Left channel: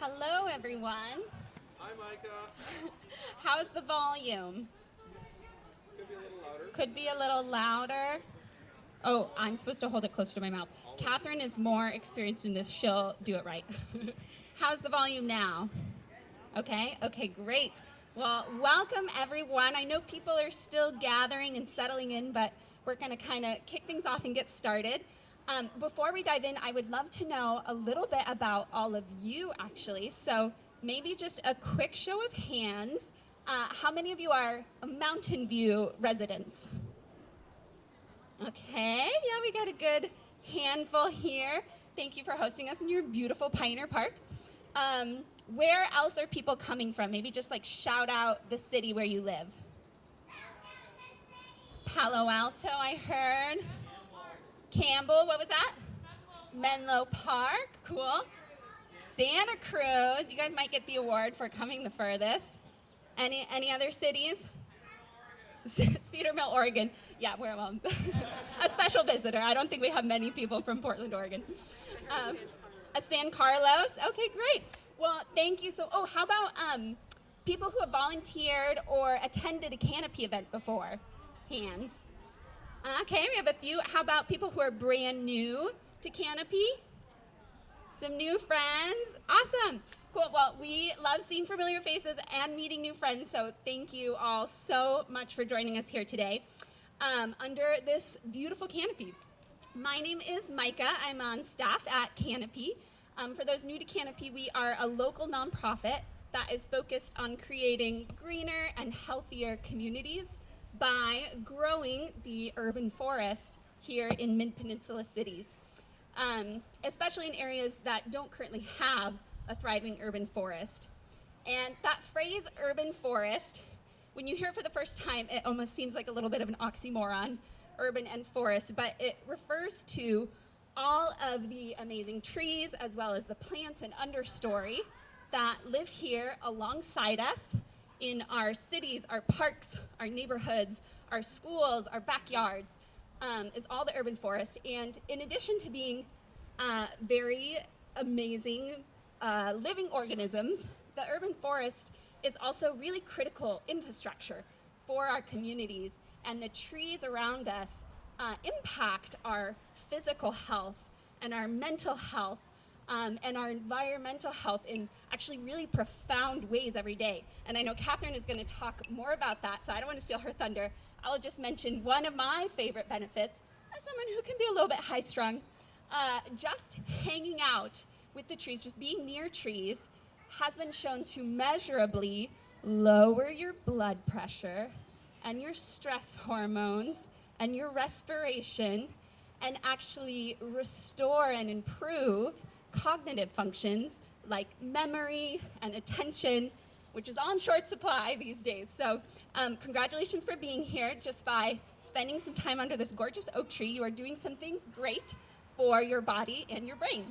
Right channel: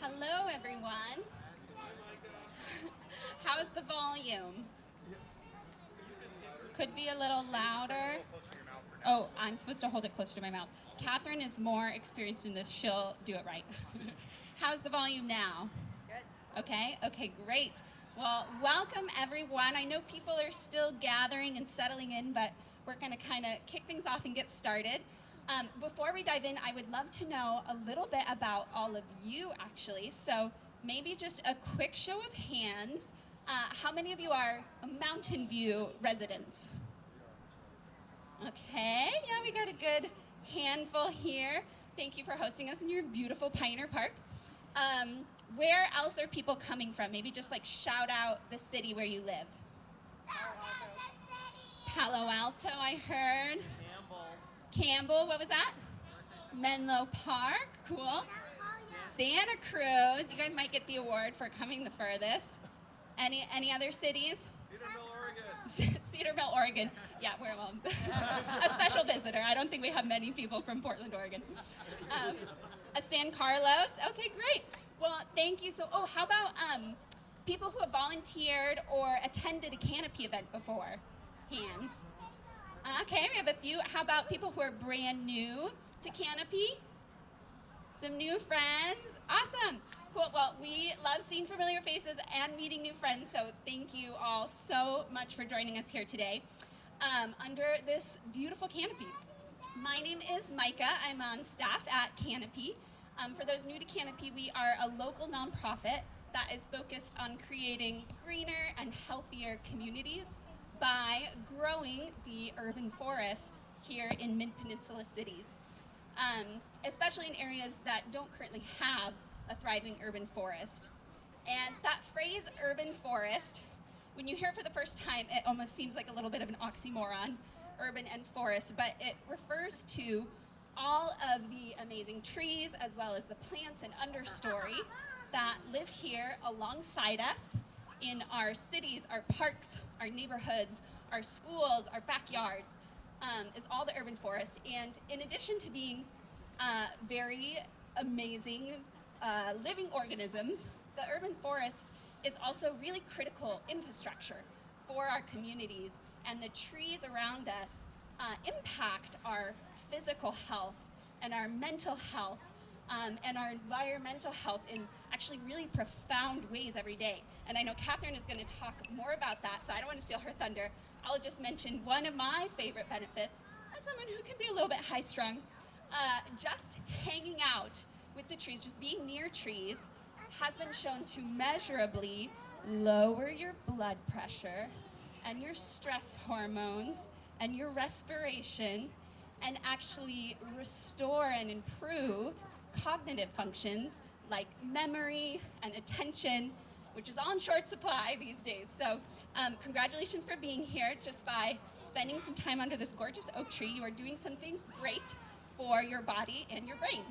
Hello, everyone. Hi, Micah. How's the volume? Could be a little louder. Could be a little louder. Oh, I'm supposed to hold it closer to my mouth. Catherine is more experienced in this. She'll do it right. How's the volume now? Okay, great. Well, welcome, everyone. I know people are still gathering and settling in, but we're going to kind of kick things off and get started. Before we dive in, I would love to know a little bit about all of you, actually. So maybe just a quick show of hands. How many of you are Mountain View residents? Okay, yeah, we got a good handful here. Thank you for hosting us in your beautiful Pioneer Park. Where else are people coming from? Maybe just like shout out the city where you live. Palo Alto, I heard. Campbell, what was that? Menlo Park, cool. Santa Cruz, you guys might get the award for coming the furthest. Any other cities? Cedar Mill, Oregon. Yeah, we're a special visitor. I don't think we have many people from Portland, Oregon. San Carlos. Okay, great. Well, thank you. So, how about people who have volunteered or attended a Canopy event before? Hands. Okay, we have a few. How about people who are brand new to Canopy? Some new friends. Awesome. Cool. Well, we love seeing familiar faces and meeting new friends, so thank you all so much for joining us here today under this beautiful canopy. My name is Micah. I'm on staff at Canopy. For those new to Canopy, we are a local nonprofit that is focused on creating greener and healthier communities by growing the urban forest here in Mid-Peninsula cities, especially in areas that don't currently have a thriving urban forest. And that phrase, urban forest, when you hear it for the first time, it almost seems like a little bit of an oxymoron, urban and forest, but it refers to all of the amazing trees as well as the plants and understory that live here alongside us in our cities, our parks, our neighborhoods, our schools, our backyards, is all the urban forest. And in addition to being very amazing living organisms, the urban forest is also really critical infrastructure for our communities, and the trees around us impact our physical health and our mental health and our environmental health in actually really profound ways every day. And I know Katherine is going to talk more about that, so I don't want to steal her thunder. I'll just mention one of my favorite benefits as someone who can be a little bit high-strung. Just hanging out with the trees, just being near trees, has been shown to measurably lower your blood pressure and your stress hormones and your respiration, and actually restore and improve cognitive functions like memory and attention, which is all in short supply these days. So congratulations for being here. Just by spending some time under this gorgeous oak tree, you are doing something great for your body and your brain.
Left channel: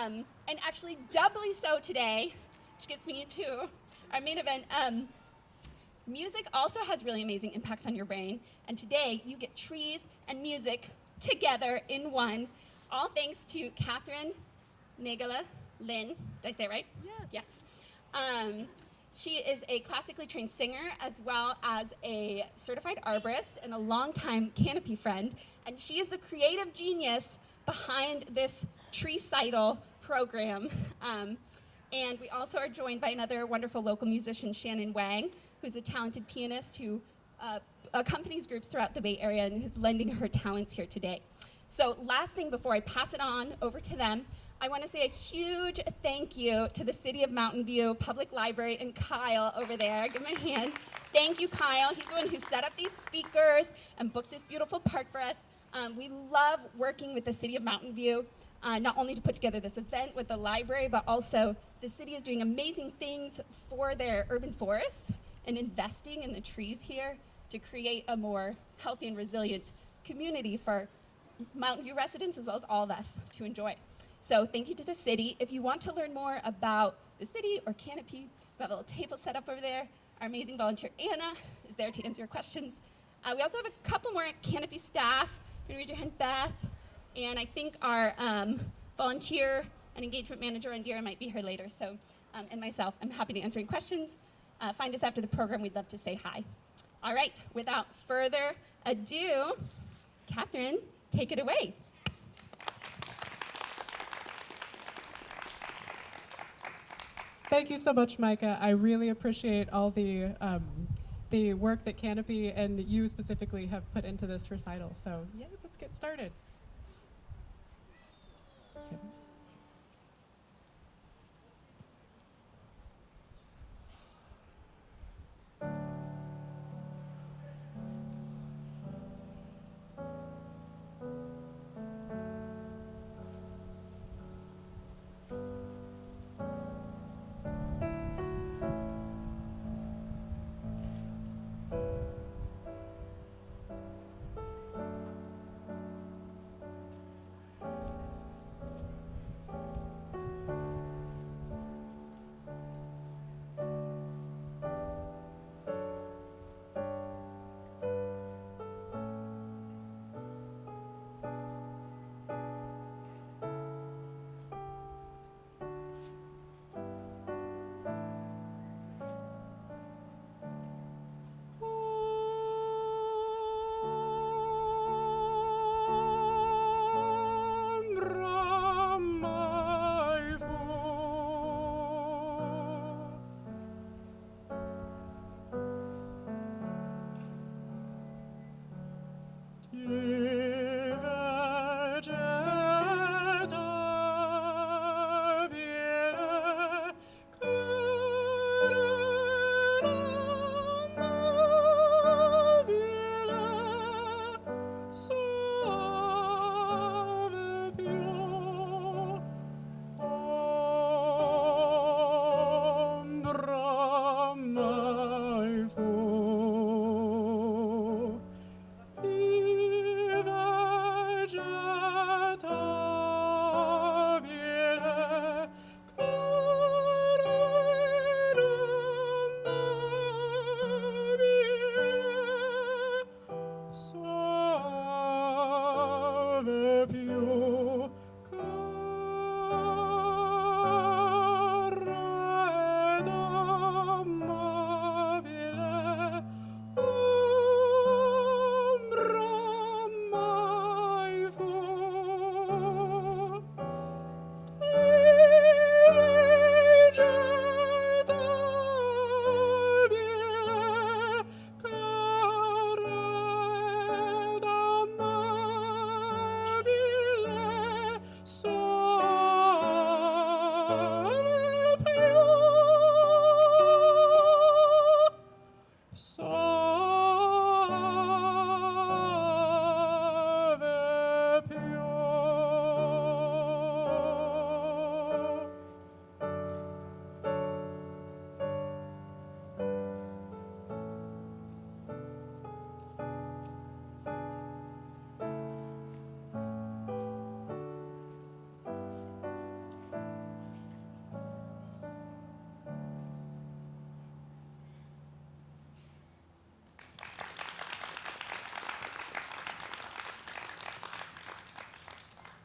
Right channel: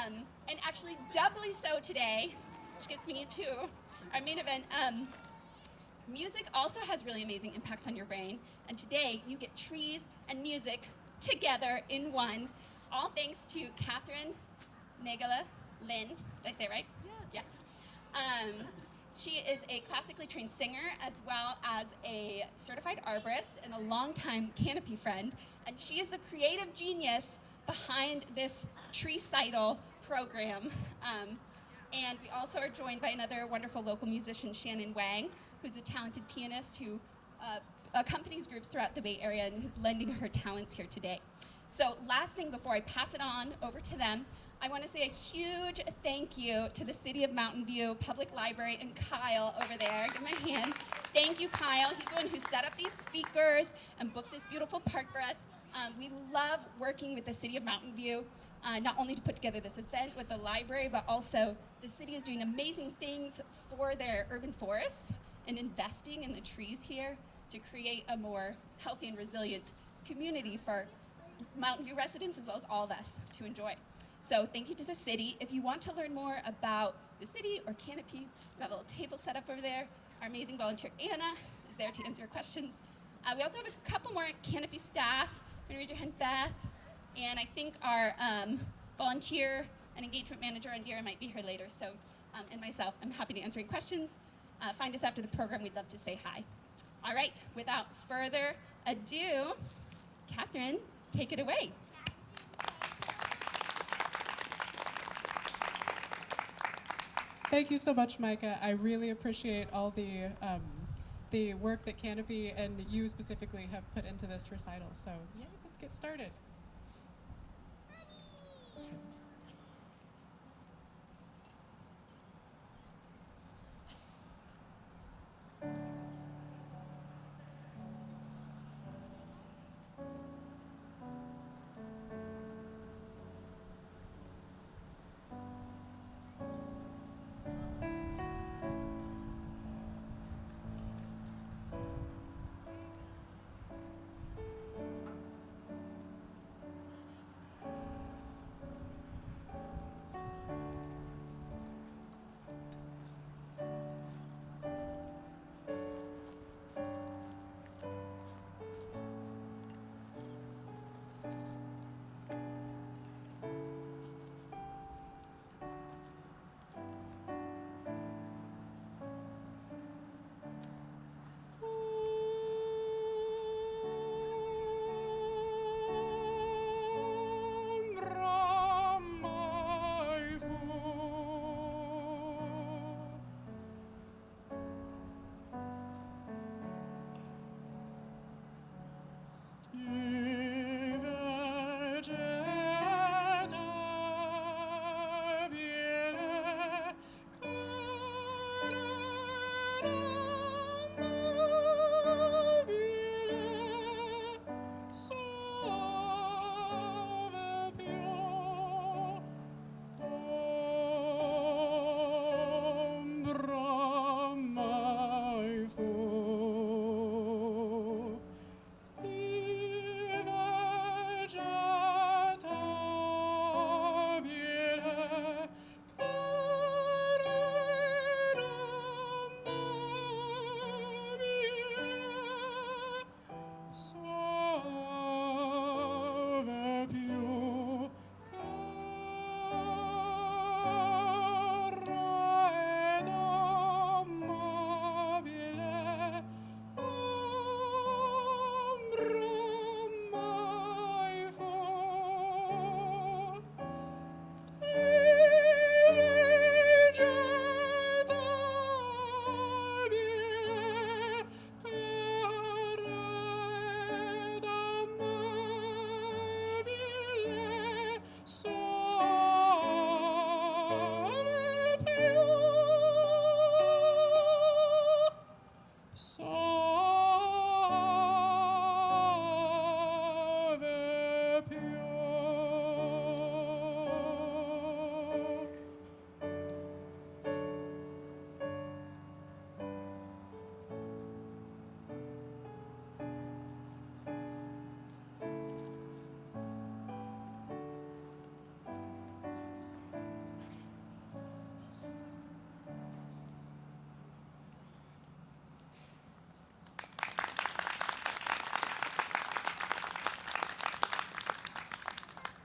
And actually doubly so today, which gets me into our main event, music also has really amazing impacts on your brain. And today you get trees and music together in one, all thanks to Katherine Naegele-Lin. Did I say it right? Yes. Yes. She is a classically trained singer as well as a certified arborist and a longtime Canopy friend. And she is the creative genius behind this Tree-cital program. And we also are joined by another wonderful local musician, Shannon Wang, who's a talented pianist who accompanies groups throughout the Bay Area and is lending her talents here today. So last thing before I pass it on over to them, I want to say a huge thank you to the City of Mountain View Public Library and Kyle over there. Give him a hand. Thank you, Kyle. He's the one who set up these speakers and booked this beautiful park for us. We love working with the City of Mountain View, not only to put together this event with the library, but also the city is doing amazing things for their urban forests and investing in the trees here to create a more healthy and resilient community for Mountain View residents as well as all of us to enjoy. So thank you to the city. If you want to learn more about the city or Canopy, we have a little table set up over there. Our amazing volunteer Anna is there to answer your questions. We also have a couple more Canopy staff. You can raise your hand, Beth. And I think our volunteer an engagement manager, and Dira might be here later. So, and myself, I'm happy to answer any questions. Find us after the program. We'd love to say hi. All right, without further ado, Katherine, take it away. Thank you so much, Micah. I really appreciate all the work that Canopy and you specifically have put into this recital. So yeah, let's get started.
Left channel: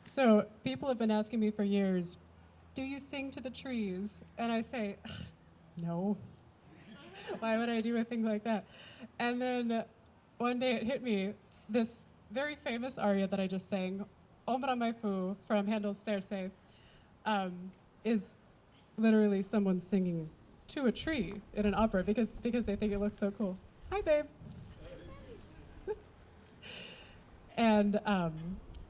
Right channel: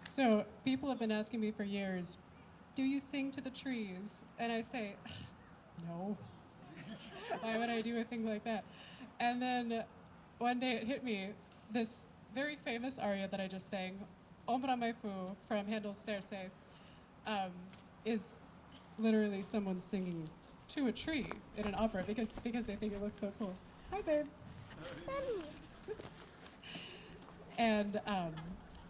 So people have been asking me for years, do you sing to the trees? And I say, no. Why would I do a thing like that? And then one day it hit me, this very famous aria that I just sang, Ombra Mai Fu from Handel's Circe, is literally someone singing to a tree in an opera because they think it looks so cool. Hi, babe. And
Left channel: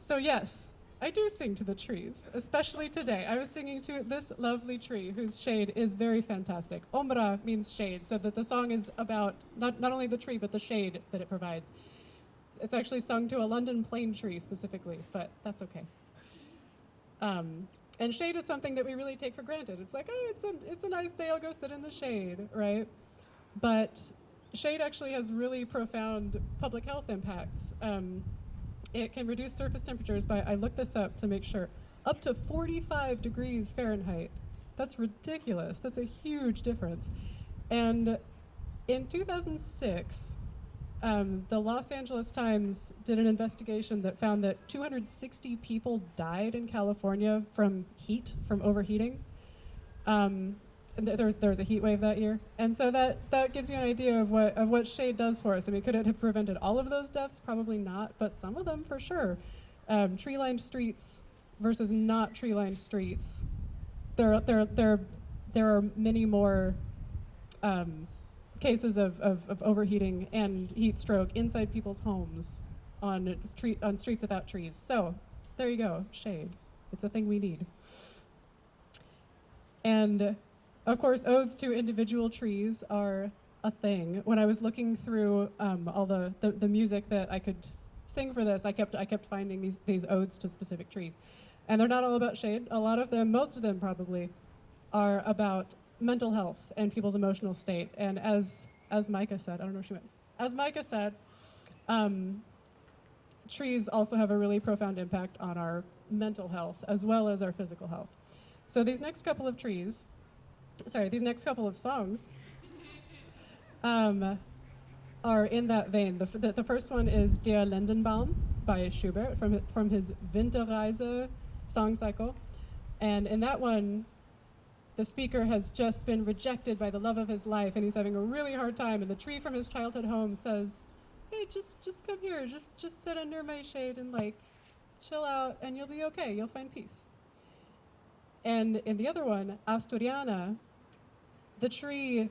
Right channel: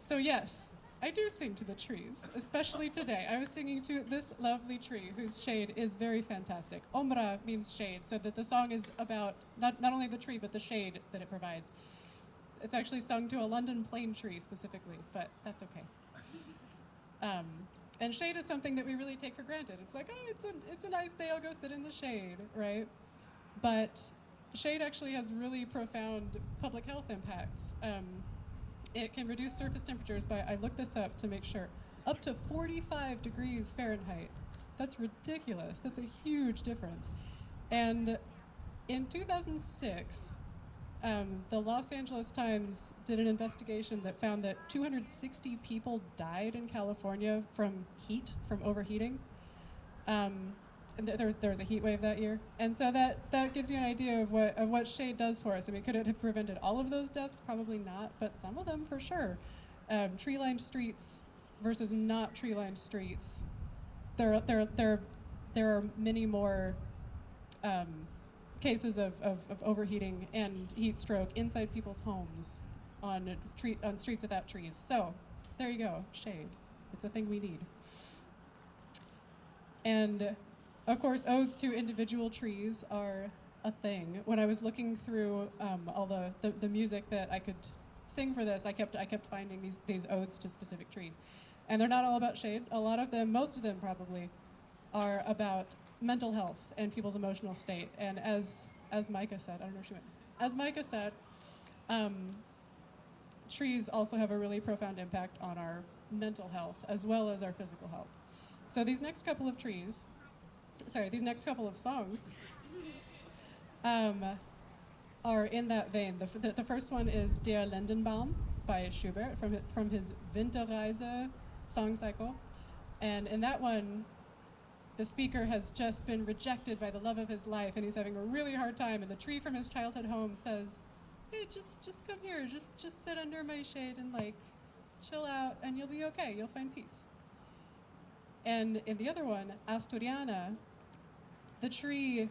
so yes, I do sing to the trees, especially today. I was singing to this lovely tree whose shade is very fantastic. Ombra means shade, so that the song is about not only the tree, but the shade that it provides. It's actually sung to a London plane tree specifically, but that's okay. And shade is something that we really take for granted. It's like, oh, it's a nice day, I'll go sit in the shade, right? But shade actually has really profound public health impacts. It can reduce surface temperatures by, I looked this up to make sure, up to 45 degrees Fahrenheit. That's ridiculous. That's a huge difference. And in 2006, The Los Angeles Times did an investigation that found that 260 people died in California from heat, from overheating. And there was a heat wave that year, and so that gives you an idea of what shade does for us. I mean, could it have prevented all of those deaths? Probably not, but some of them for sure. Tree-lined streets versus not tree-lined streets. There are many more cases of overheating and heat stroke inside people's homes on streets without trees. So there you go, shade. It's a thing we need. And of course, odes to individual trees are a thing. When I was looking through all the music that I could sing for this, I kept finding these odes to specific trees. And they're not all about shade. A lot of them, most of them probably, are about mental health and people's emotional state. And as Micah said, I don't know if she went, as Micah said, trees also have a really profound impact on our mental health as well as our physical health. So these next couple of songs are in that vein. The first one is Der Lindenbaum by Schubert from his Winterreise song cycle. And in that one, the speaker has just been rejected by the love of his life, and he's having a really hard time. And the tree from his childhood home says, "Hey, just come here, just sit under my shade and like chill out, and you'll be okay. You'll find peace." And in the other one, Asturiana, the tree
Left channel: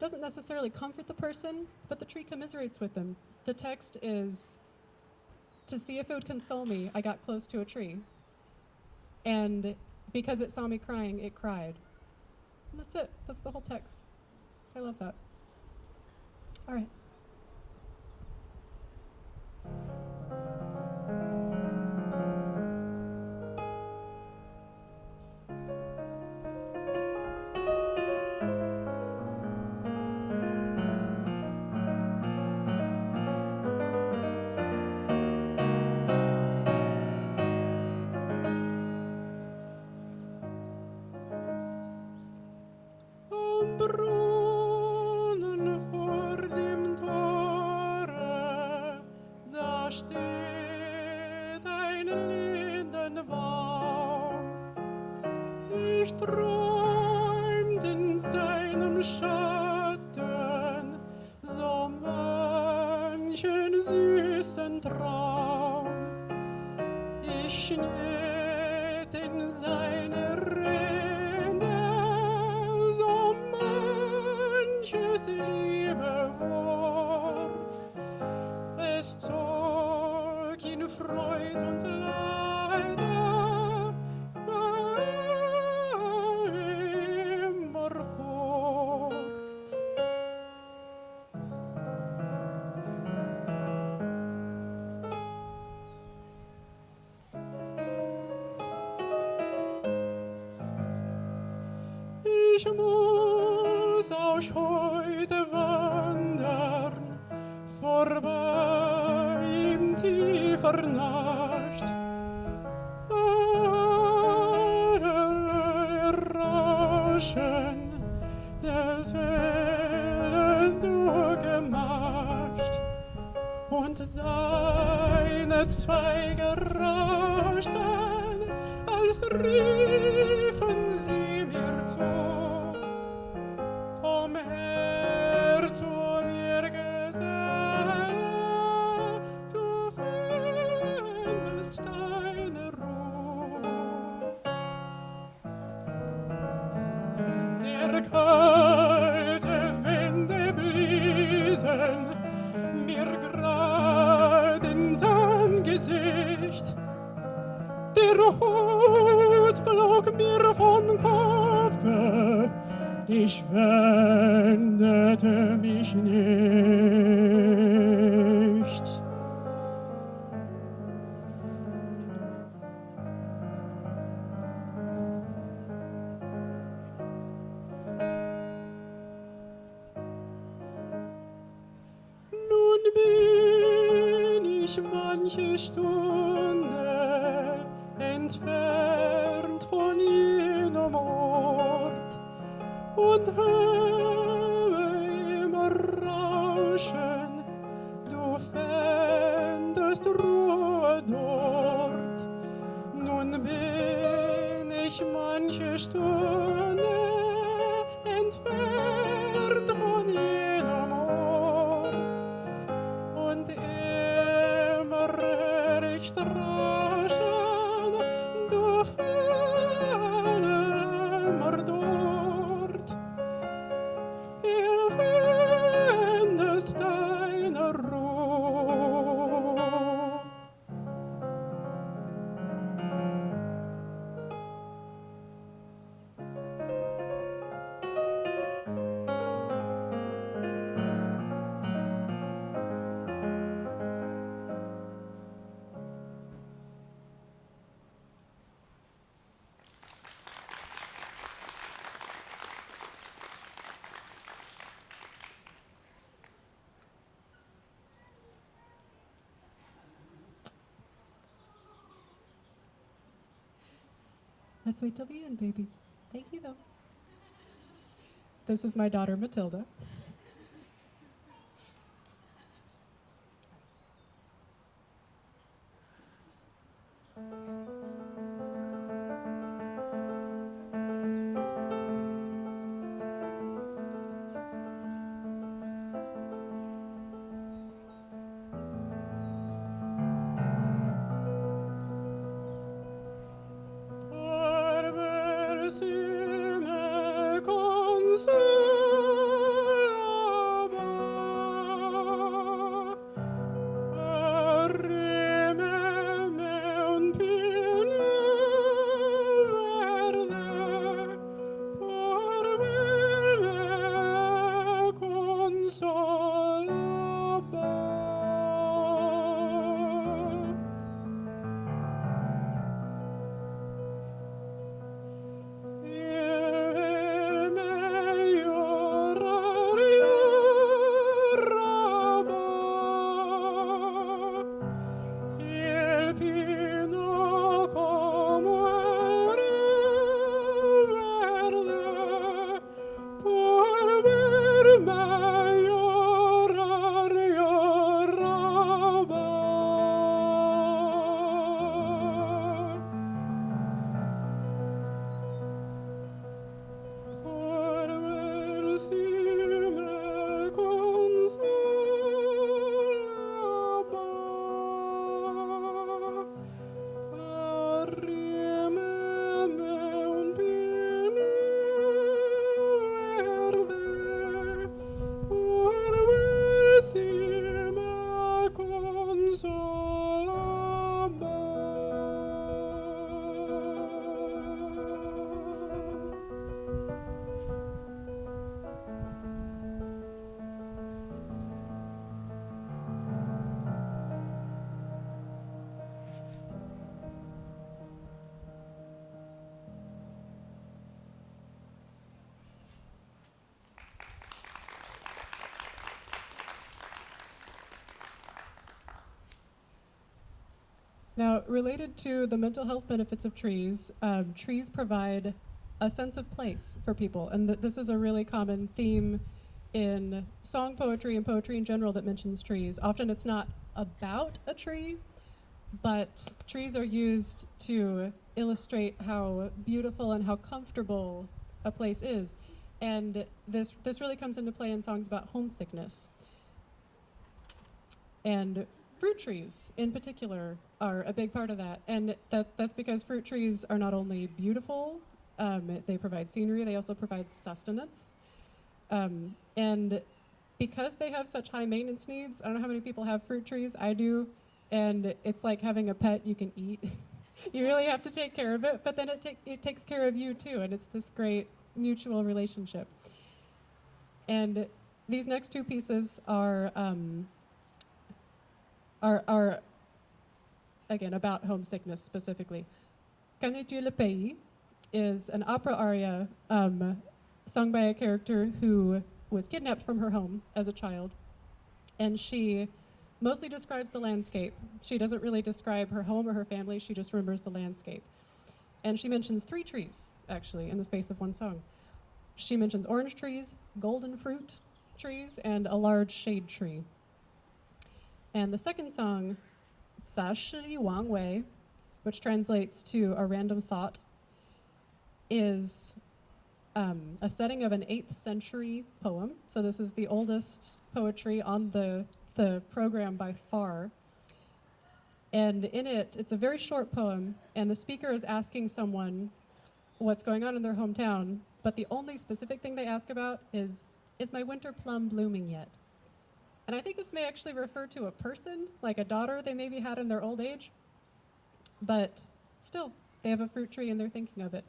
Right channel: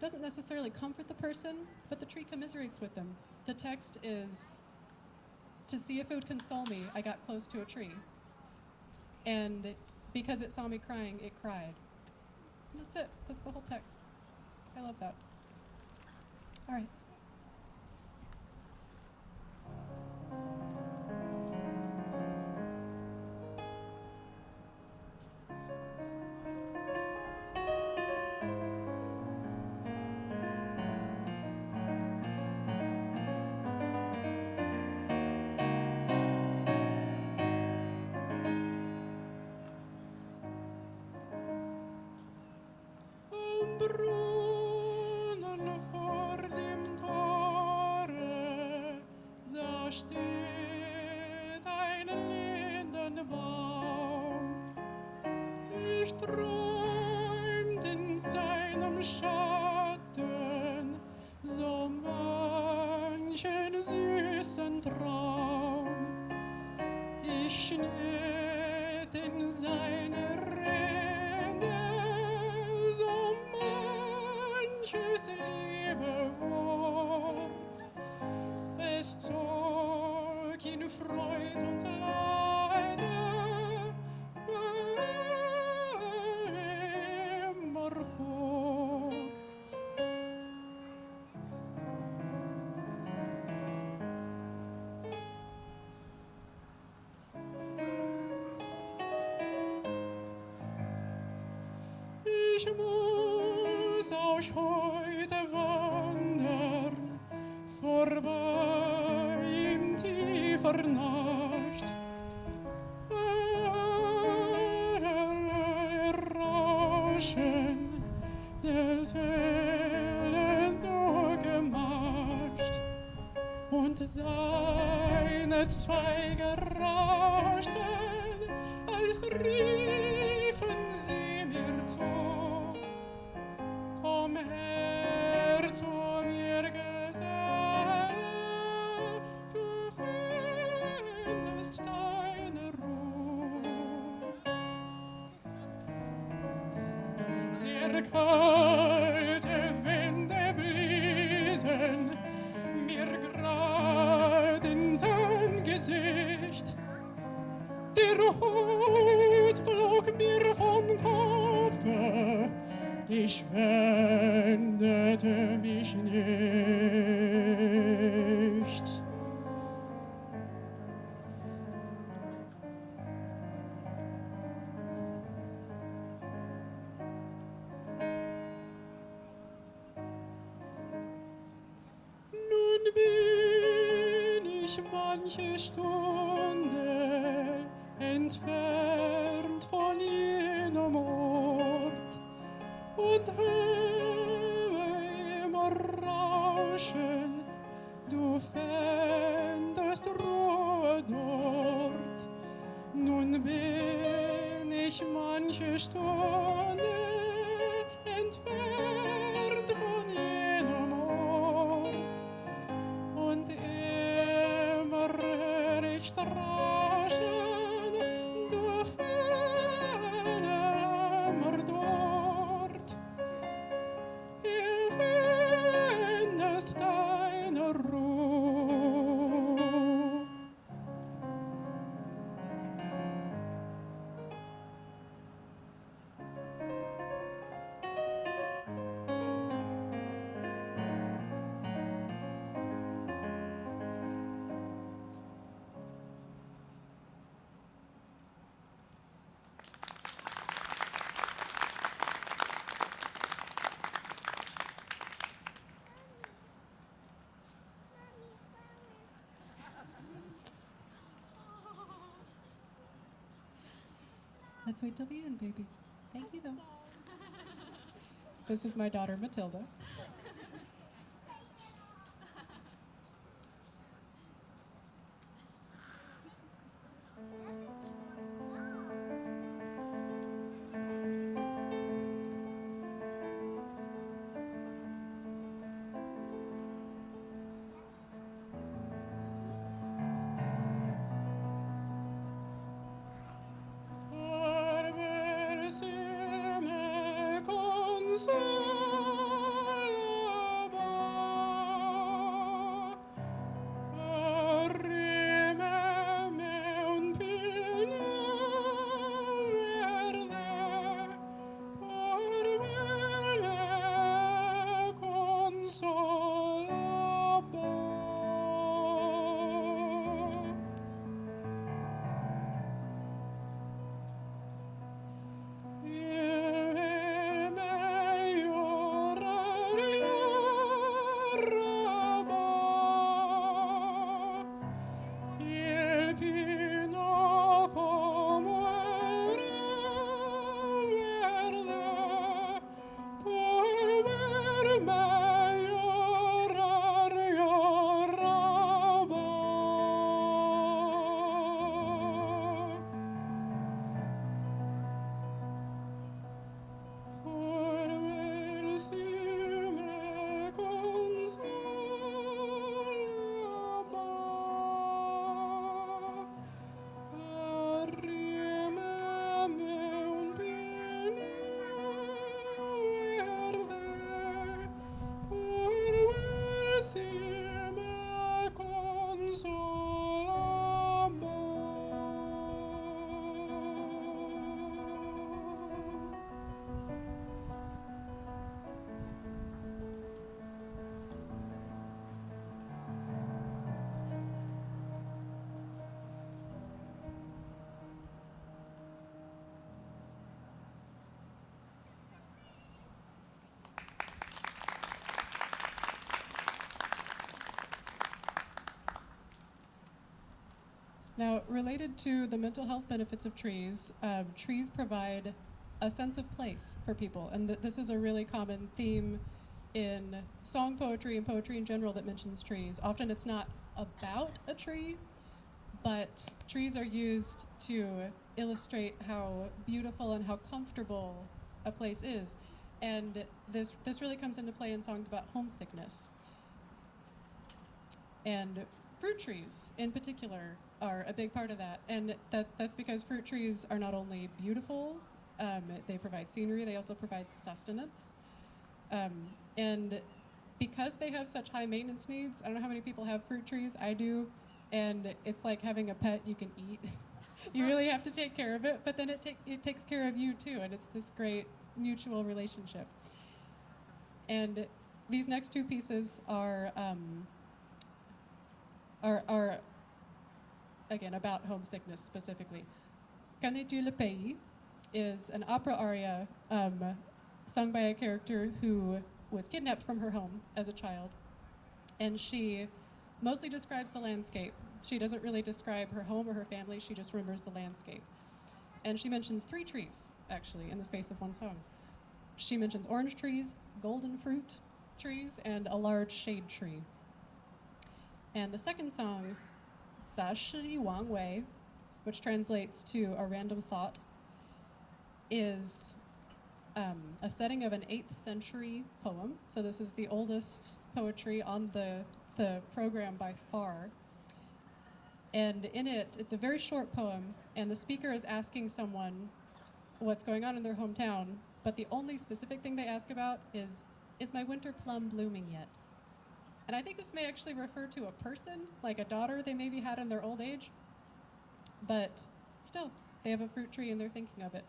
doesn't necessarily comfort the person, but the tree commiserates with them. The text is, "To see if it would console me, I got close to a tree. And because it saw me crying, it cried." That's it. That's the whole text. I love that. All right. Brunnen vor dem Tore, da steht ein Lindenbaum. Ich träumt in seinem Schatten so manchen süßen Traum. Ich schnitt in seine Rede so manches liebe Wort. Es zog ihn Freud und Leide immer fort. Ich muss auch heute wandern, vorbei in tiefer Nacht. Rauschen der Wellen durchgemacht und seine Zweige rauschten, als riefen sie mir zu. Komm her zu mir, Geselle, du findest deine Ruhe. Der kalte Winde bliesen mir grad ins Angesicht. Der Hut flog mir vom Kopfe, ich wendete mich nicht. Nun bin ich manche Stunde entfernt von jenem Ort und höre im Rauschen ist Ruhe dort. Nun bin ich manche Stunde entfernt von jenem Ort. Und immer hör ich raschen, du ferne immer dort. Ihr findest deine Ruhe. Let's wait till the end, baby. Thank you, though. This is my daughter, Matilda. Now, related to the mental health benefits of trees, trees provide a sense of place for people. And this is a really common theme in song poetry and poetry in general that mentions trees. Often it's not about a tree, but trees are used to illustrate how beautiful and how comfortable a place is. And this really comes into play in songs about homesickness. And fruit trees, in particular, are a big part of that. And that's because fruit trees are not only beautiful, they provide scenery, they also provide sustenance. And because they have such high maintenance needs, I don't know how many people have fruit trees, I do, and it's like having a pet you can eat. You really have to take care of it, but then it takes care of you too, and it's this great mutual relationship. And these next two pieces are again about homesickness specifically. Connais-tu le pays is an opera aria sung by a character who was kidnapped from her home as a child, and she mostly describes the landscape. She doesn't really describe her home or her family, she just remembers the landscape. And she mentions 3 trees, actually, in the space of one song. She mentions orange trees, golden fruit trees, and a large shade tree. And the second song 杂诗一王维, which translates to a random thought, is a setting of an 8th century poem. So this is the oldest poetry on the program by far. And in it, it's a very short poem, and the speaker is asking someone what's going on in their hometown, but the only specific thing they ask about is my winter plum blooming yet? And I think this may actually refer to a person, like a daughter they maybe had in their old age, but still, they have a fruit tree and they're thinking of it.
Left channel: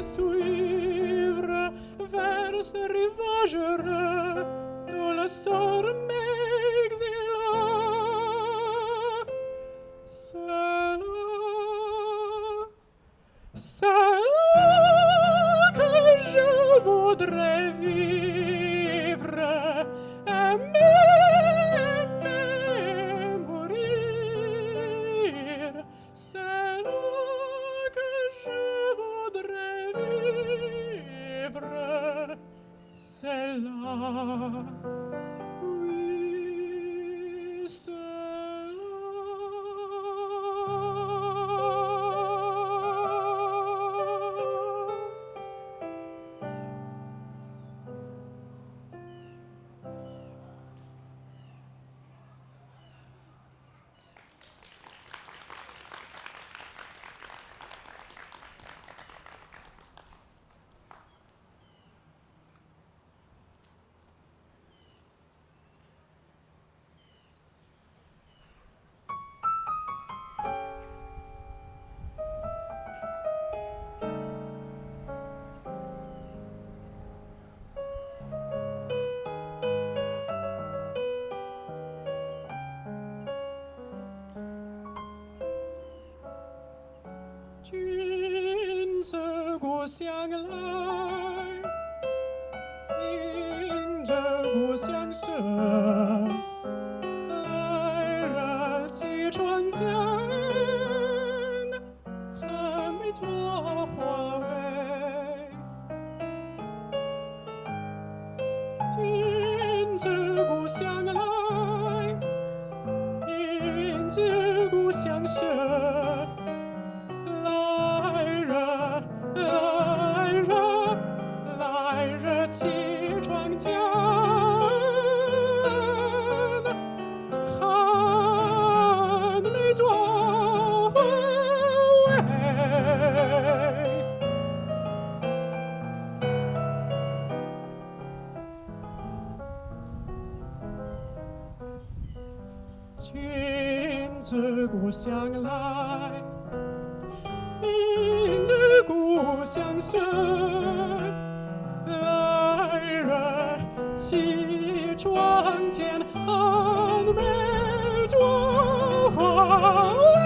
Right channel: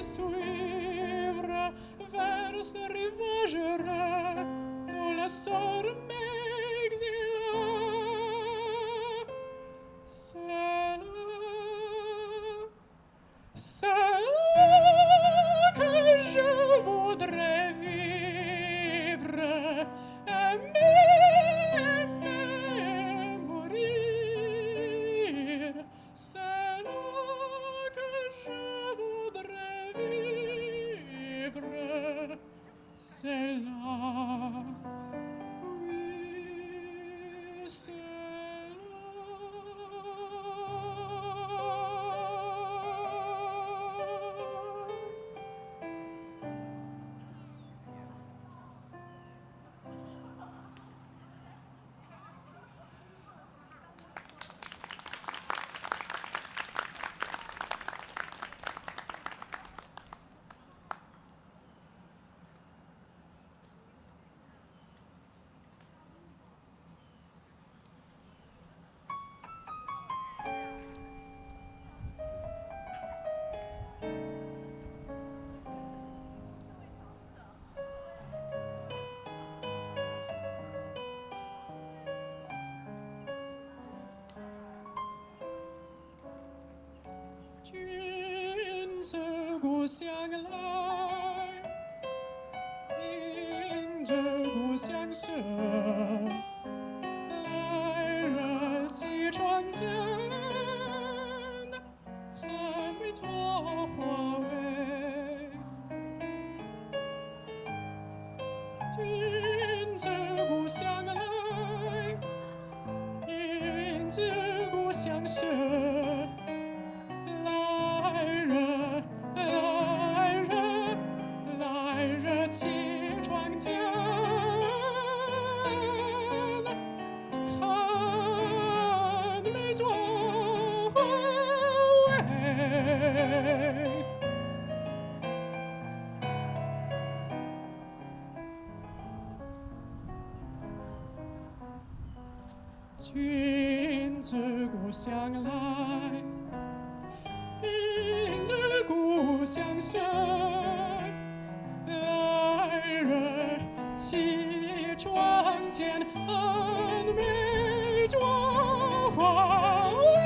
Suivre vers ce rivage heureux d'où le sort m'exila. C'est là que je voudrais vivre, aimer, mourir. C'est là que je voudrais vivre, c'est là, oui, c'est là.君自故乡来，迎着故乡声，来日起床间，还没着花蕊。君自故乡来，迎着故乡声。来日起床间，还没着花蕊。君自故乡来，迎着故乡声，来日起床。窗前很美妆花味。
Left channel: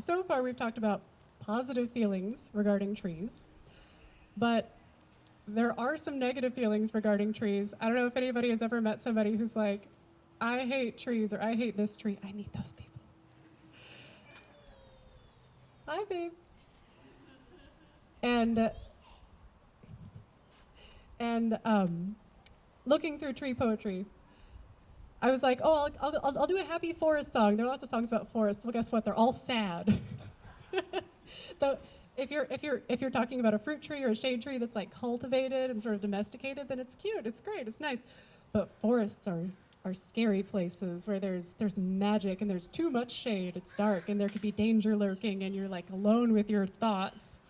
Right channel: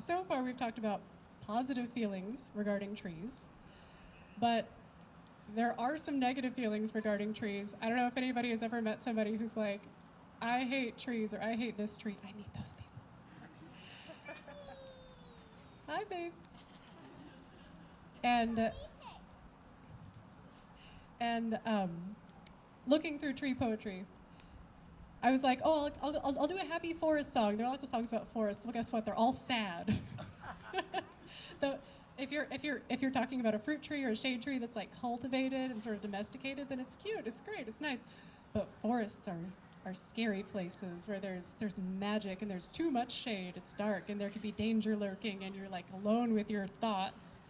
So far we've talked about positive feelings regarding trees, but there are some negative feelings regarding trees. I don't know if anybody has ever met somebody who's like, I hate trees, or I hate this tree. I meet those people. Hi, babe. And looking through tree poetry, I was like, oh, I'll do a happy forest song. There are lots of songs about forests. Well, guess what? They're all sad. Though, if you're talking about a fruit tree or a shade tree that's like cultivated and sort of domesticated, then it's cute. It's great. It's nice. But forests are scary places where there's magic and there's too much shade. It's dark and there could be danger lurking and you're like alone with your thoughts.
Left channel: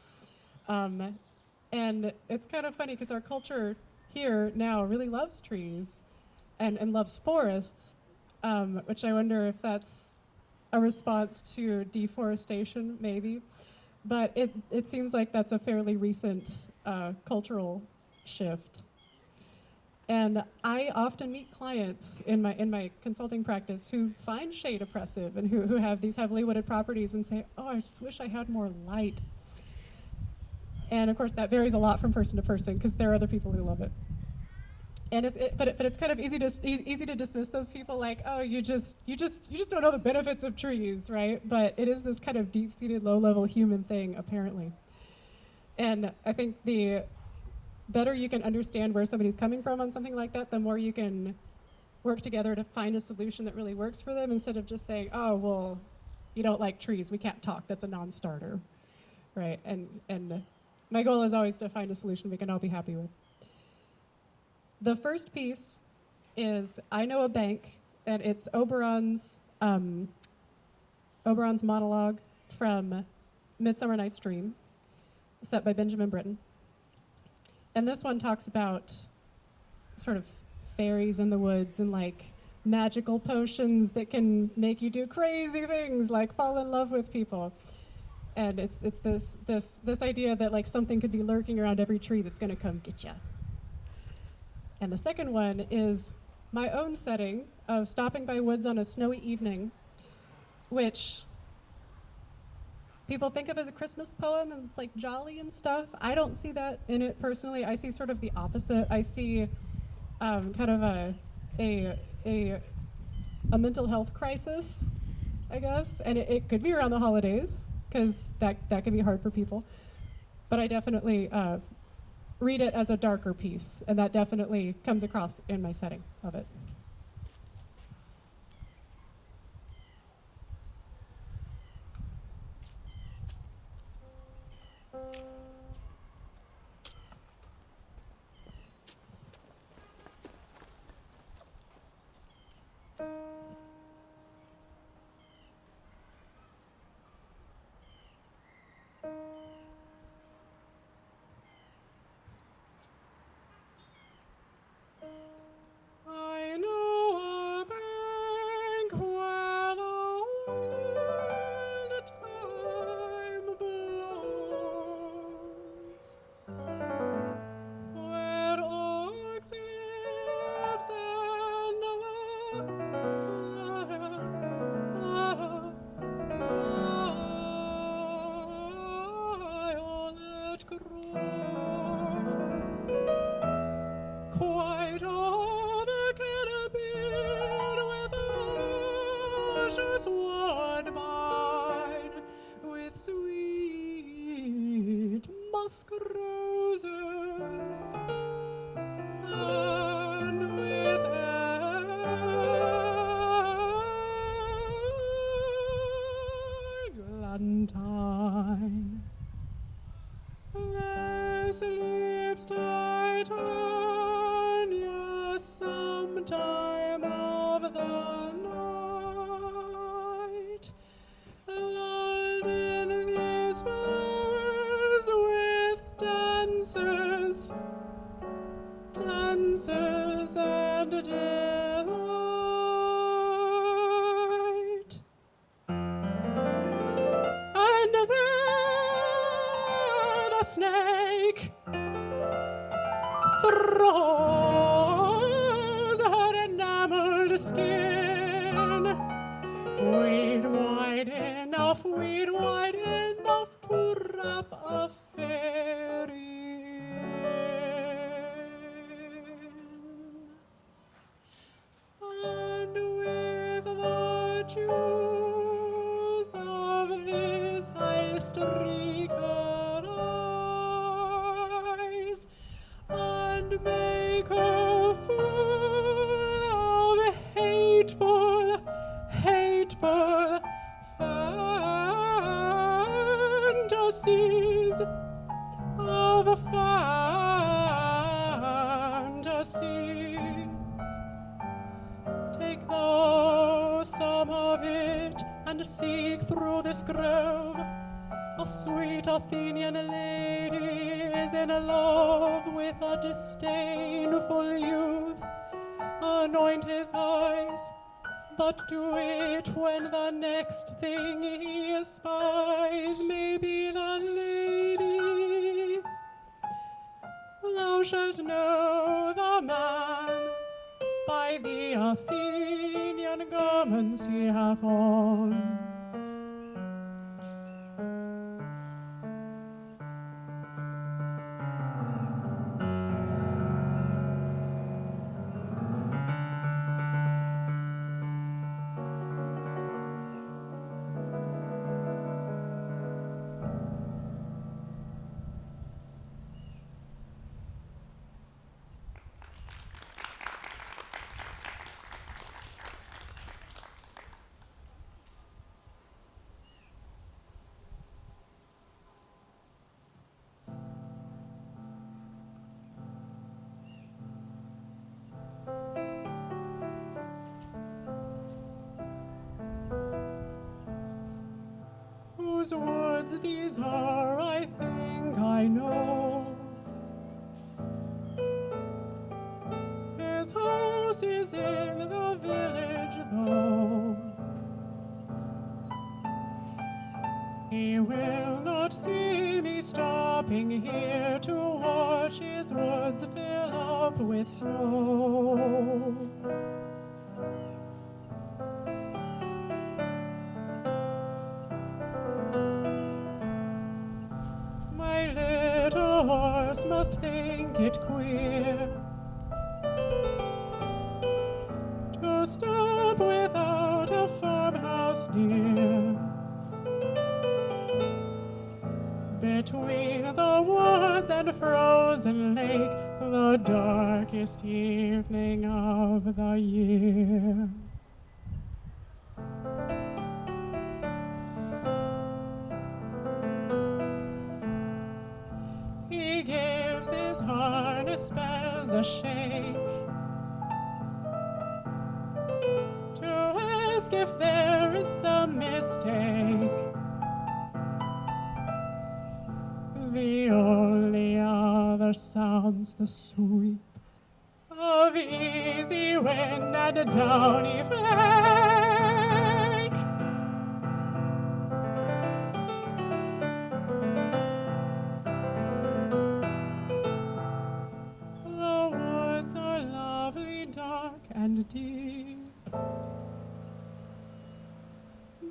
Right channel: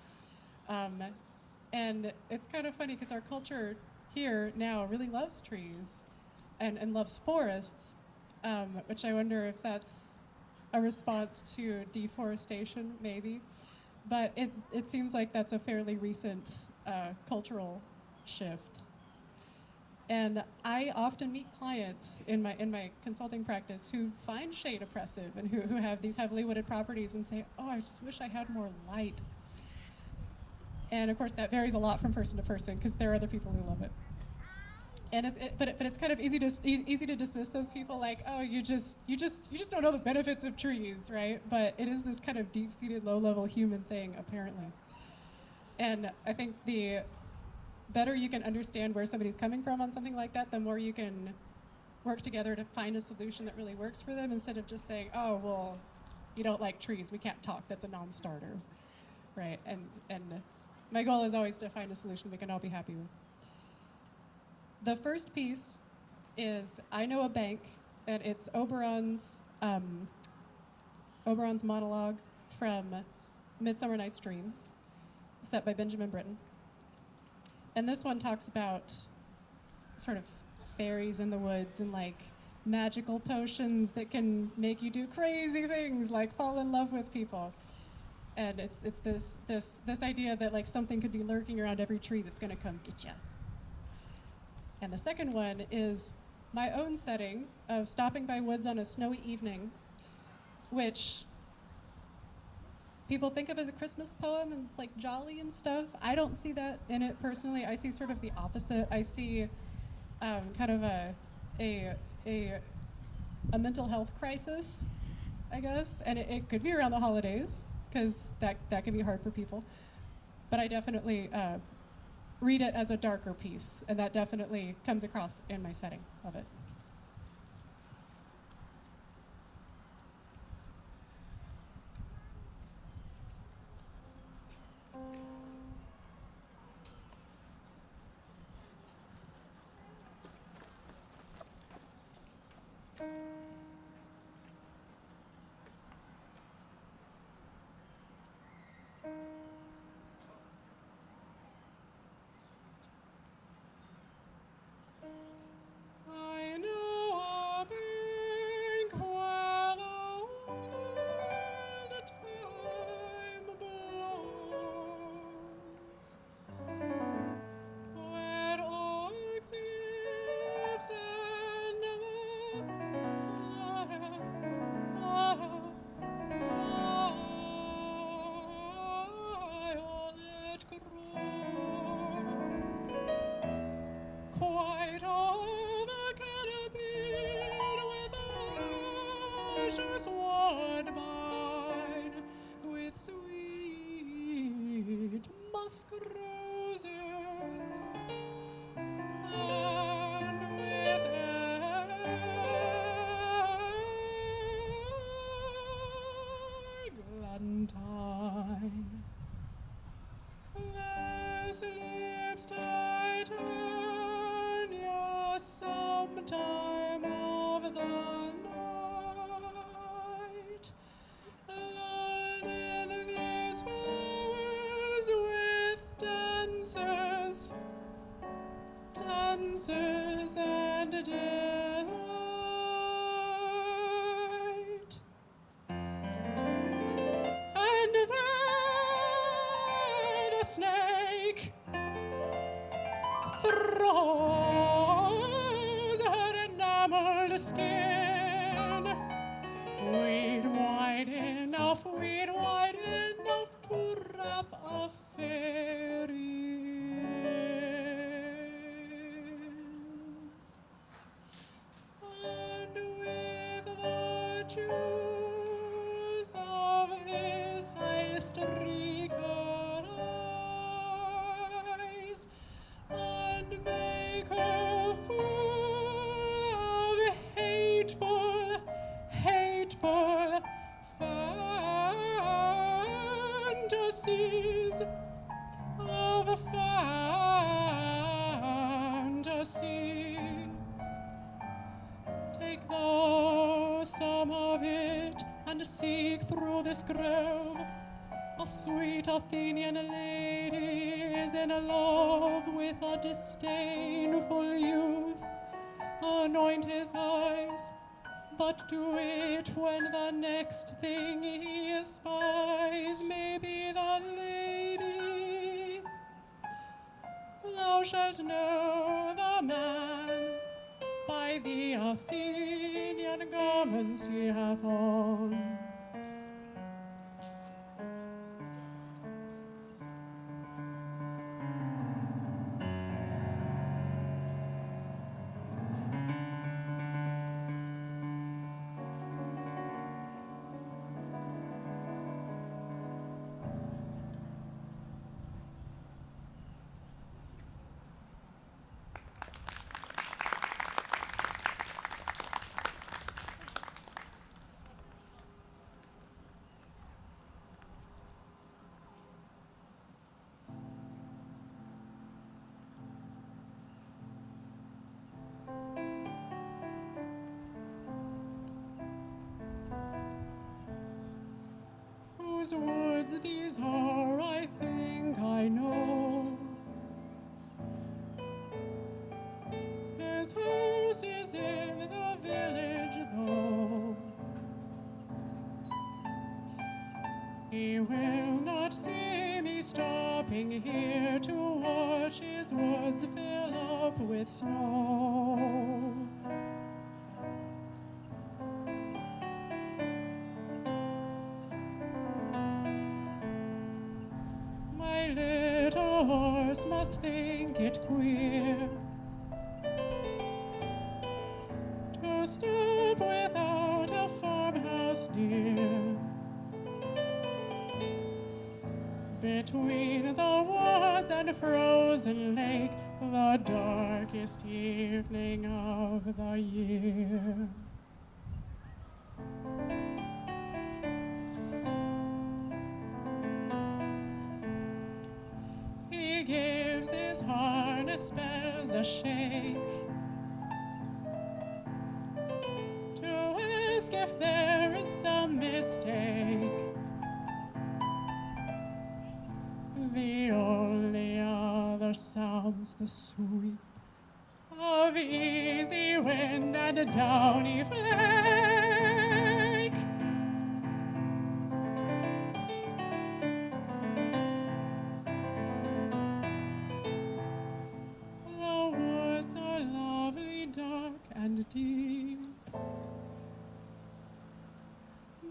And it's kind of funny because our culture here now really loves trees and loves forests, which I wonder if that's a response to deforestation, maybe. But it seems like that's a fairly recent cultural shift. And I often meet clients in my consulting practice who find shade oppressive and who have these heavily wooded properties and say, oh, I just wish I had more light. And of course that varies a lot from person to person because there are other people who love it. And but it's kind of easy to dismiss those people like, oh, you just don't know the benefits of trees, right? But it is this kind of deep-seated, low-level human thing, apparently. And I think the better you can understand where somebody's coming from on something like that, the more you can work together to find a solution that really works for them instead of just saying, oh, well, you don't like trees, we can't talk, that's a non-starter, right? And my goal is always to find a solution we can all be happy with. The first piece is I Know a Bank, and it's Oberon's monologue from Midsummer Night's Dream, set by Benjamin Britten. And this one talks about sort of fairies in the woods and like magical potions that can make you do crazy things like fall in love with people. And it's this idea that like something could be lurking around every tree that's gonna come get you. And the second one is my own setting of stopping by woods on a snowy evening, which people think of as a Christmas poem and it's like jolly and stuff. I don't see that in it personally. I see sort of the opposite. I see kind of a mental health crisis, I guess. And it could be around the holidays because that can be hard for people. But I definitely read it as a darker piece, and that definitely comes across in my setting of it. I know a bank where the old time blows, where oaks, lips, and violet grows. Quite all the canopy with luscious woodbine, with sweet musk roses, and with eglantine. throws her enameled skin. Weed wide enough to wrap a fairy in. And with the juice of this I'll streak her eyes and make her full of hateful fantasies, Take thou some of it and seek through this grove. A sweet Athenian lady is in love with a disdainful youth. Anoint his eyes, but do it when the next thing he espies may be the lady. Thou shalt know the man by the Athenian garments he hath on. Whose words these are, I think I know. His house is in the village, though. He will not see me stopping here to watch his woods fill up with snow. My little horse must think it queer to stop without a farmhouse near. Between the woods and frozen lake, the darkest evening of the year. He gives his harness spells a shake to ask if there is some mistake. The only other sounds the sweep of easy wind and a downy flake. The woods are lovely, dark and deep,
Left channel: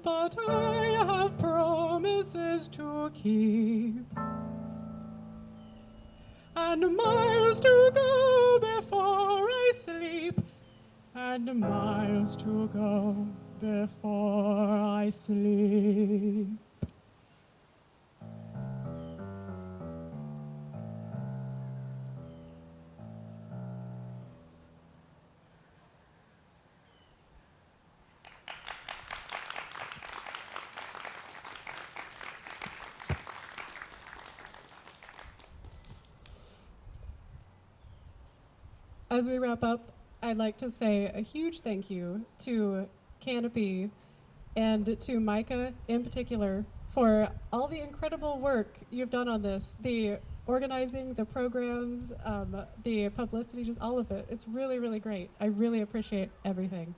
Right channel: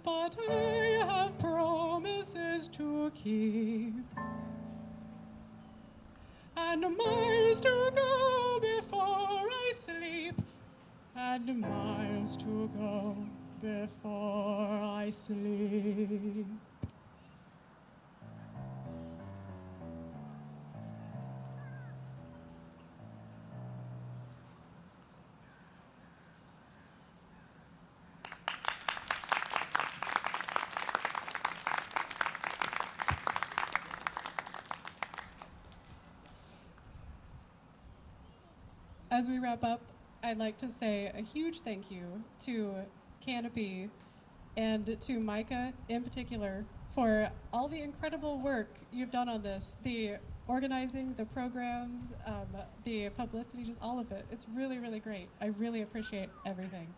but I have promises to keep, and miles to go before I sleep, and miles to go before I sleep. As we wrap up, I'd like to say a huge thank you to Canopy and to Micah in particular for all the incredible work you've done on this, the organizing, the programs, the publicity, just all of it. It's really, really great. I really appreciate everything.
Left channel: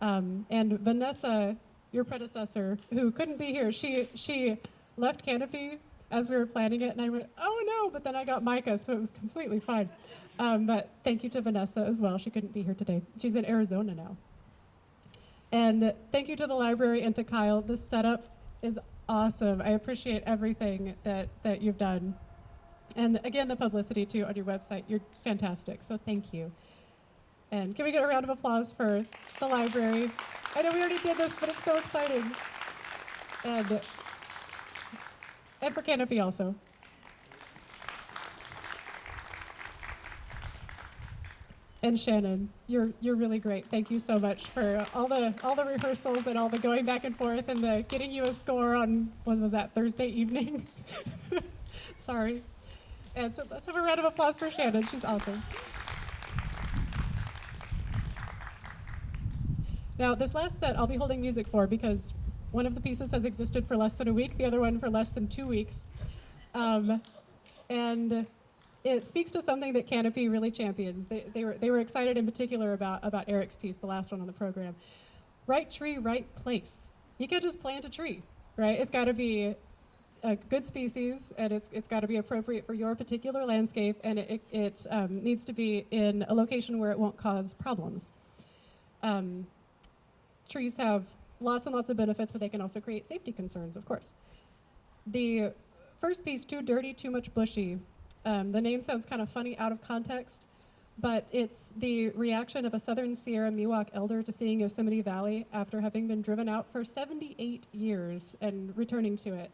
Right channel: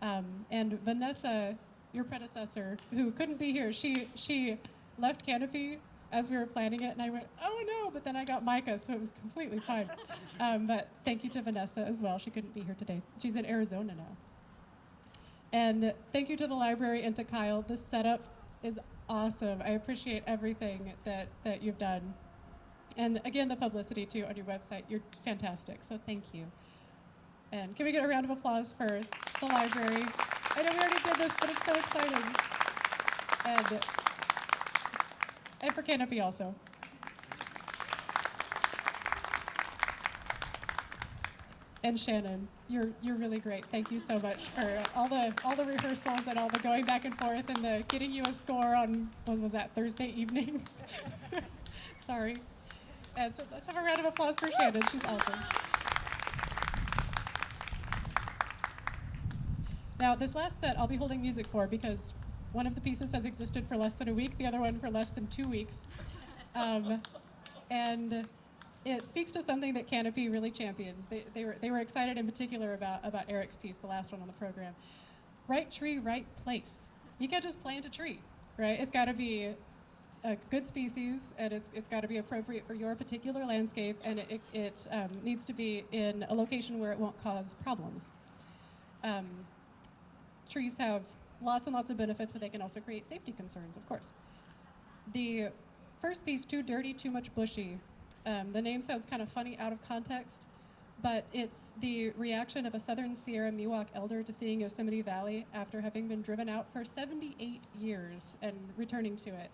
And Vanessa, your predecessor, who couldn't be here, she left Canopy as we were planning it, and I went, oh no, but then I got Micah, so it was completely fine. But thank you to Vanessa as well. She couldn't be here today. She's in Arizona now. And thank you to the library and to Kyle. This setup is awesome. I appreciate everything that you've done. And again, the publicity too on your website. You're fantastic, so thank you. And can we get a round of applause for the library? I know we already did this, but it's so exciting. And for Canopy also. And Shannon, you're really great. Thank you so much for all the rehearsals and all the going back and forth and the getting you a score on, what was that, Thursday evening? Sorry. And so let's have a round of applause for Shannon. She's awesome. Now, this last set I'll be holding music for because one of the pieces has existed for less than a week, the other one for less than 2 weeks. And it speaks to something that Canopy really champions. They were excited in particular about Eric's piece, the last one on the program. Right tree, right place. You can't just plant a tree, right? It's got to be a good species, and it's got to be appropriate for your particular landscape, and it needs to be in a location where it won't cause problems. Trees have lots and lots of benefits, but they can also create safety concerns, of course. The first piece, Too Dirty, Too Much Bushy, the name sounds kind of funny out of context, but it's the reaction of a Southern Sierra Miwok elder to seeing Yosemite Valley after having been driven out for 78 years and returning to it.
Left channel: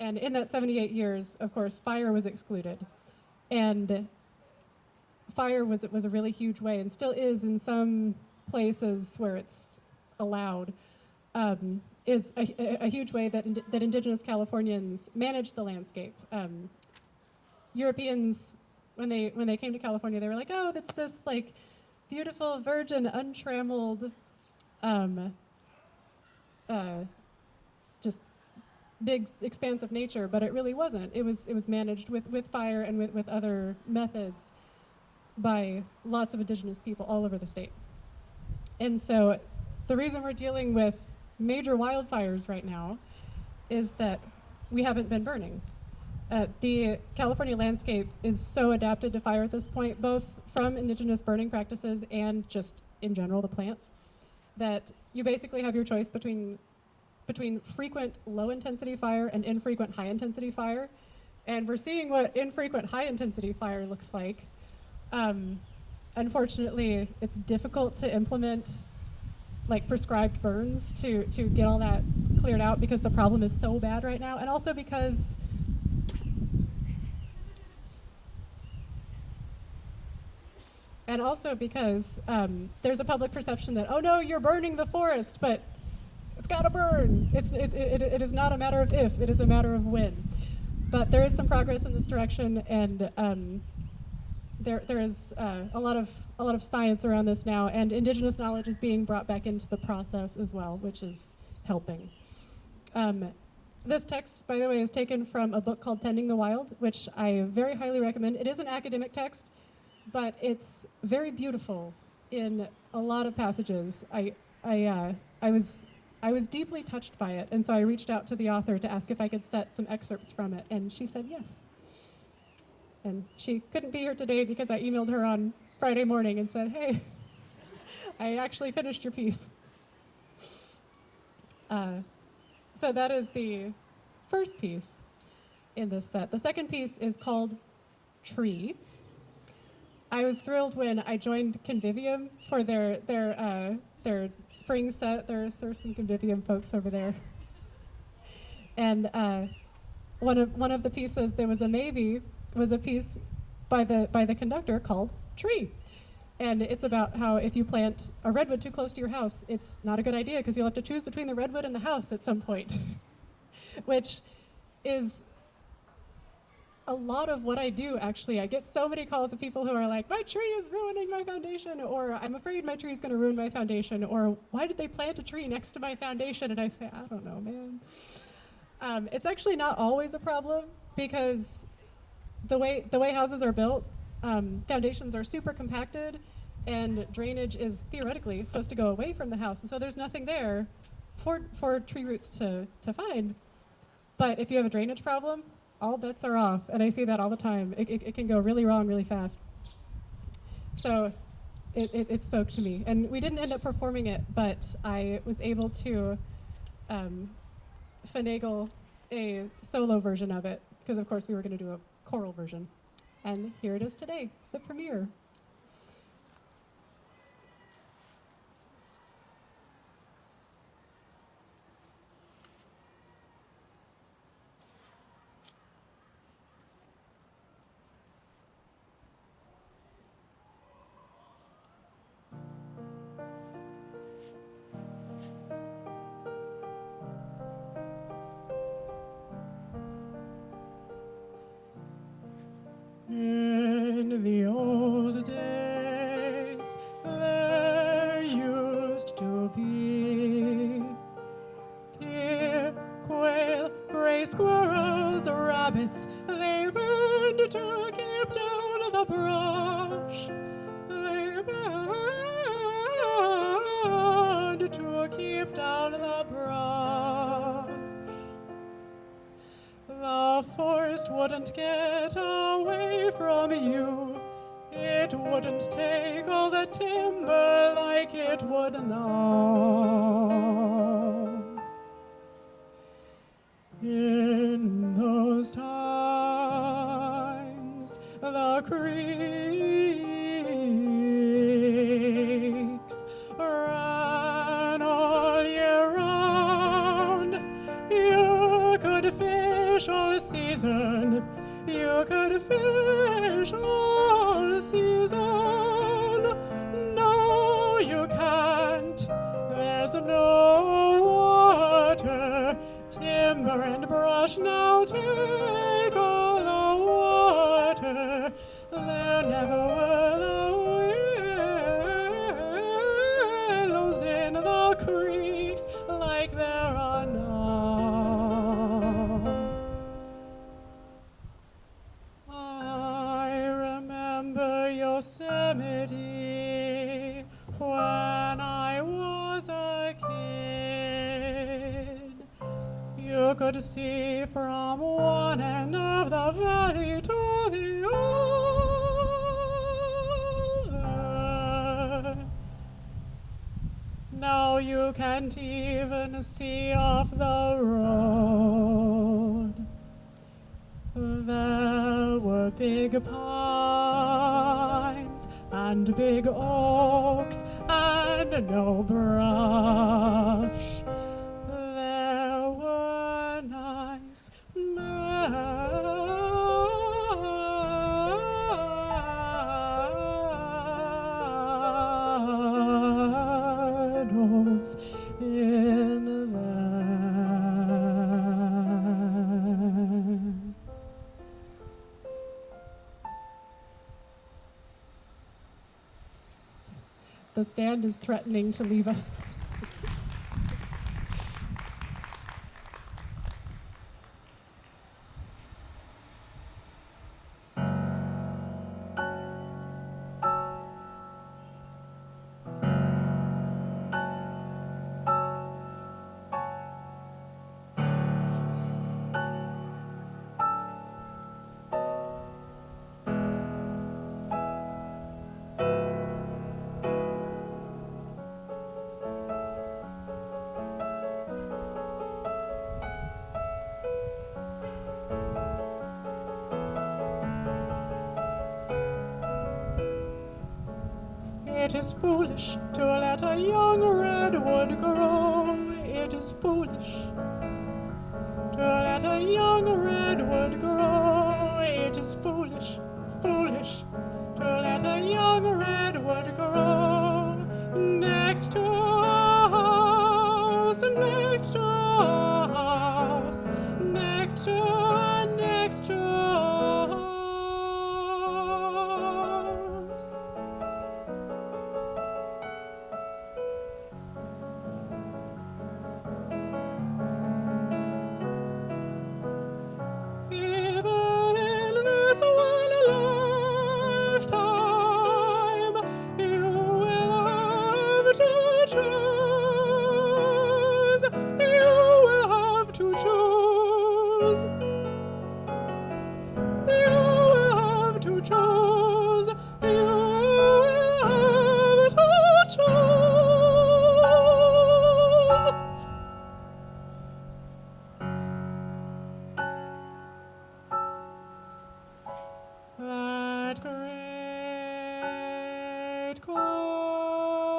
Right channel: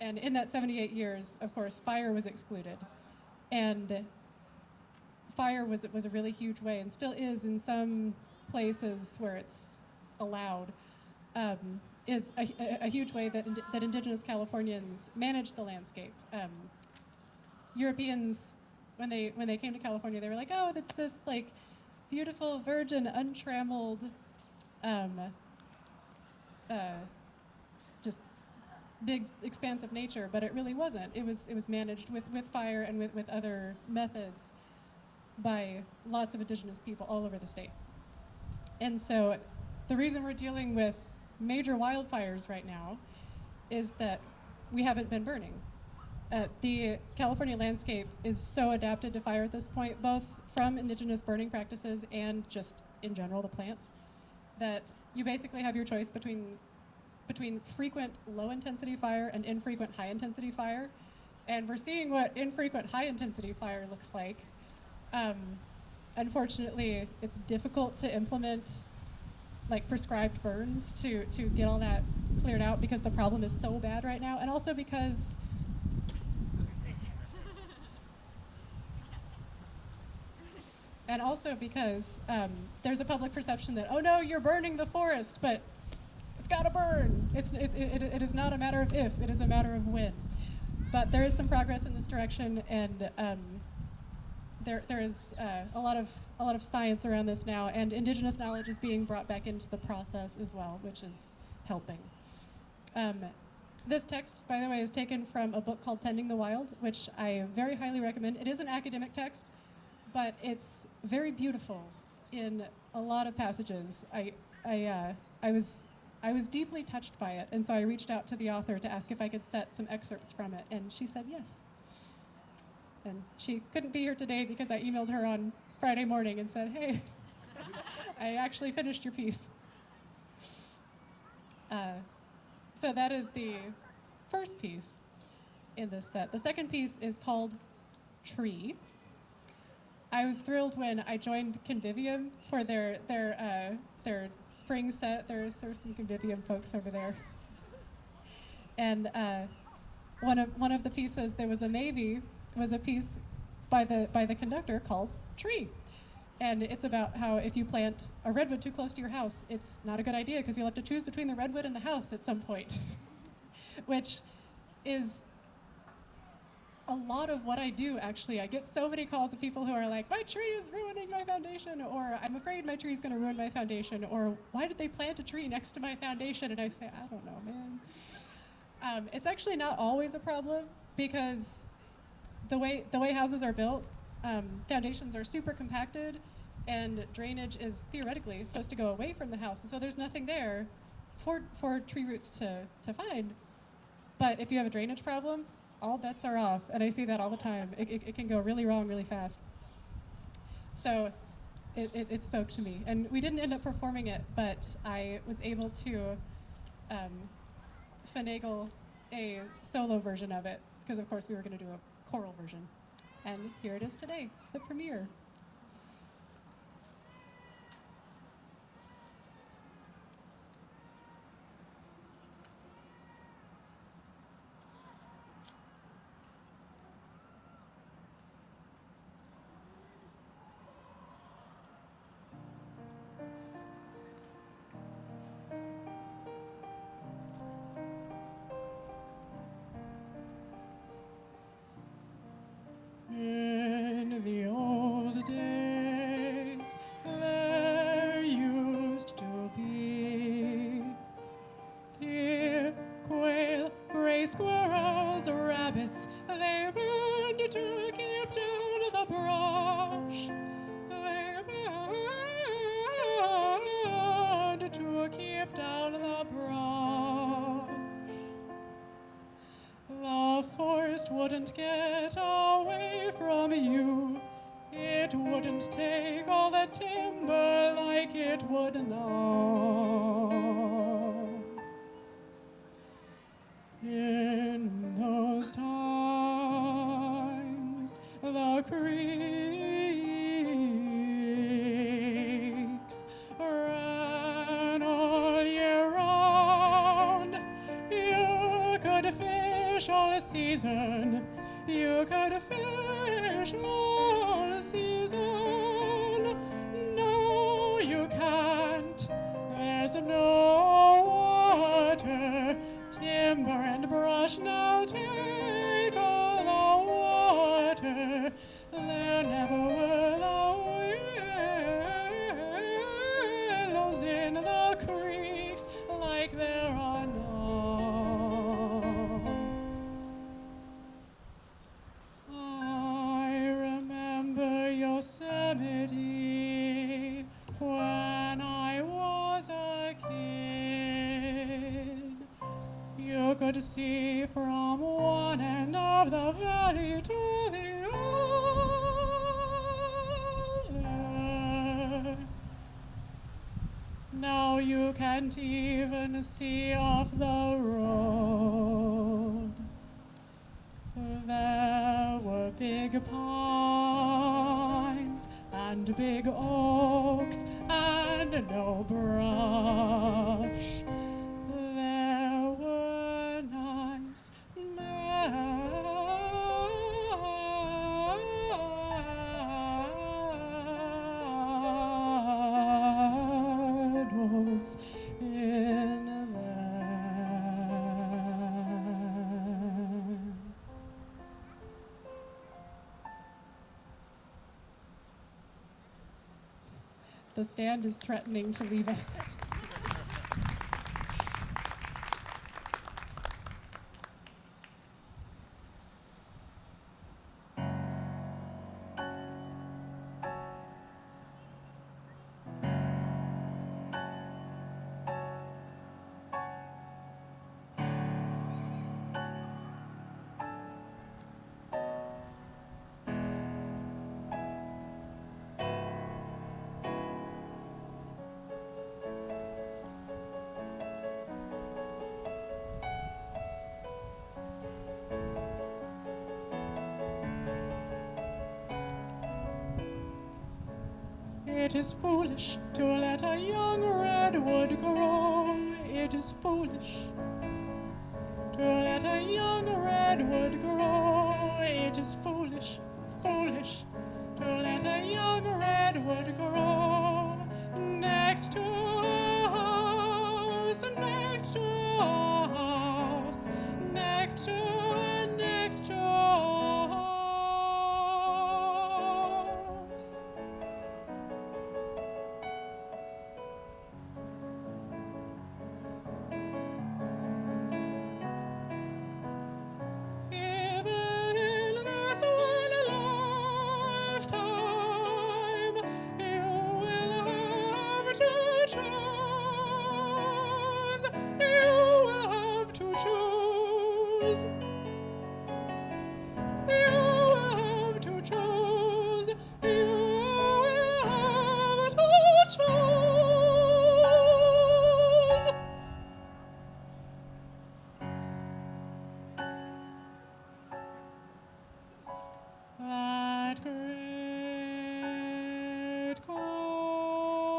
And in that 78 years, of course, fire was excluded. And fire was a really huge way, and still is in some places where it's allowed, is a huge way that indigenous Californians manage the landscape. Europeans, when they came to California, they were like, oh, that's this like beautiful, virgin, untrammeled, just big expanse of nature, but it really wasn't. It was managed with fire and with other methods by lots of indigenous people all over the state. And so the reason we're dealing with major wildfires right now is that we haven't been burning. The California landscape is so adapted to fire at this point, both from indigenous burning practices and just in general the plants, that you basically have your choice between frequent low-intensity fire and infrequent high-intensity fire. And we're seeing what infrequent high-intensity fire looks like. Unfortunately, it's difficult to implement like prescribed burns to get all that cleared out because the problem is so bad right now, and also because there's a public perception that, oh no, you're burning the forest, but it's got to burn. It is not a matter of if, it is a matter of when. But there is some progress in this direction, and there is a lot of science around this now, and indigenous knowledge is being brought back into the process as well, which is helping. This text, by the way, is taken from a book called Tending the Wild, which I very highly recommend. It is an academic text, but it's very beautiful in a lot of passages. I was deeply touched by it, and so I reached out to the author to ask if I could set some excerpts from it, and she said yes. And she couldn't be here today because I emailed her on Friday morning and said, hey, I actually finished your piece. So that is the first piece in this set. The second piece is called Tree. I was thrilled when I joined Convivium for their spring set. There's some Convivium folks over there. And one of the pieces, there was a maybe, was a piece by the conductor called Tree. And it's about how if you plant a redwood too close to your house, it's not a good idea because you'll have to choose between the redwood and the house at some point, which is a lot of what I do, actually. I get so many calls of people who are like, my tree is ruining my foundation, or I'm afraid my tree is going to ruin my foundation, or why did they plant a tree next to my foundation? And I say, I don't know, man. It's actually not always a problem because the way houses are built, foundations are super compacted, and drainage is theoretically supposed to go away from the house, and so there's nothing there for tree roots to find. But if you have a drainage problem, all bets are off. And I see that all the time. It can go really wrong really fast. So it spoke to me. And we didn't end up performing it, but I was able to finagle a solo version of it, because of course we were going to do a choral version. And here it is today, the premiere. In the old days, there used to be deer, quail, gray squirrels, rabbits. They burned to keep down the brush. They burned to keep down the brush. The forest wouldn't get away from you. It wouldn't take all the timber like it would now. In those times, the creeks ran all year round. You could fish all season. You could fish all season. No, you can't. There's no water. Timber and brush now take all the water. There never were the willows in the creeks like there are now. I remember Yosemite when I was a kid. You could see from one end of the valley to the other. Now you can't even see off the road. There were big pines and big oaks and no brush. There were nice meadows in there. The stand is threatening to leave us. It is foolish to let a young redwood grow. It is foolish to let a young redwood grow. It is foolish, foolish to let a young redwood grow. Next to us, next to us, next to us. Even in this one lifetime, you will have to choose. You will have to choose. choose. You will have to choose. That great calm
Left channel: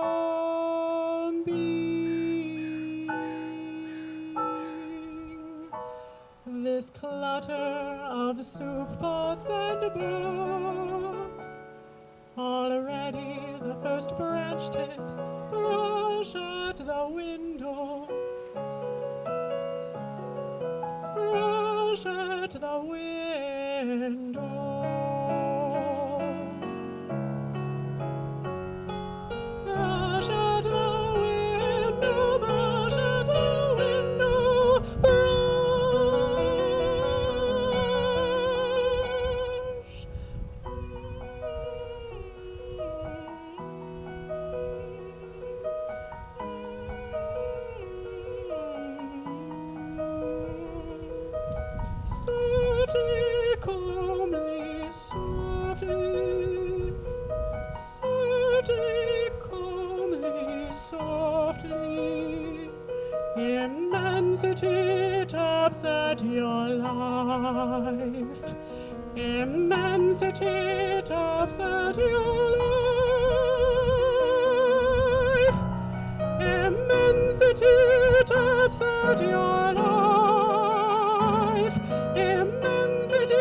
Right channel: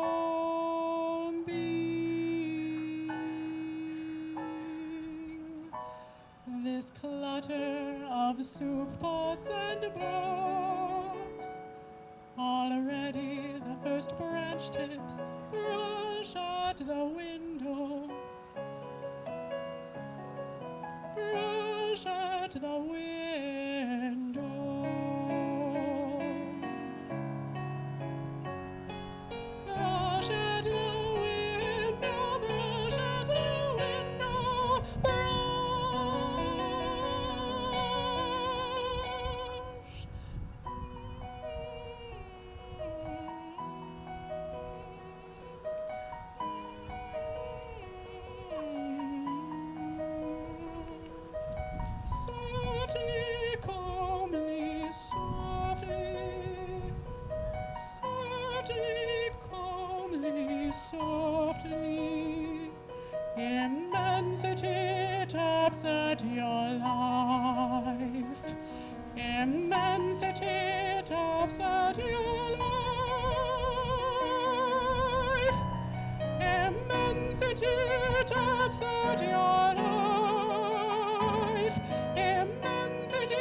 being, this clutter of soup pots and books, already the first branch tips brush at the window, brush at the window. Brush at the window, brush at the window, brush. Softly, calmly, softly, softly, calmly, softly. Immensity taps at your life. Immensity taps at your life. Immensity taps at your life. Immensity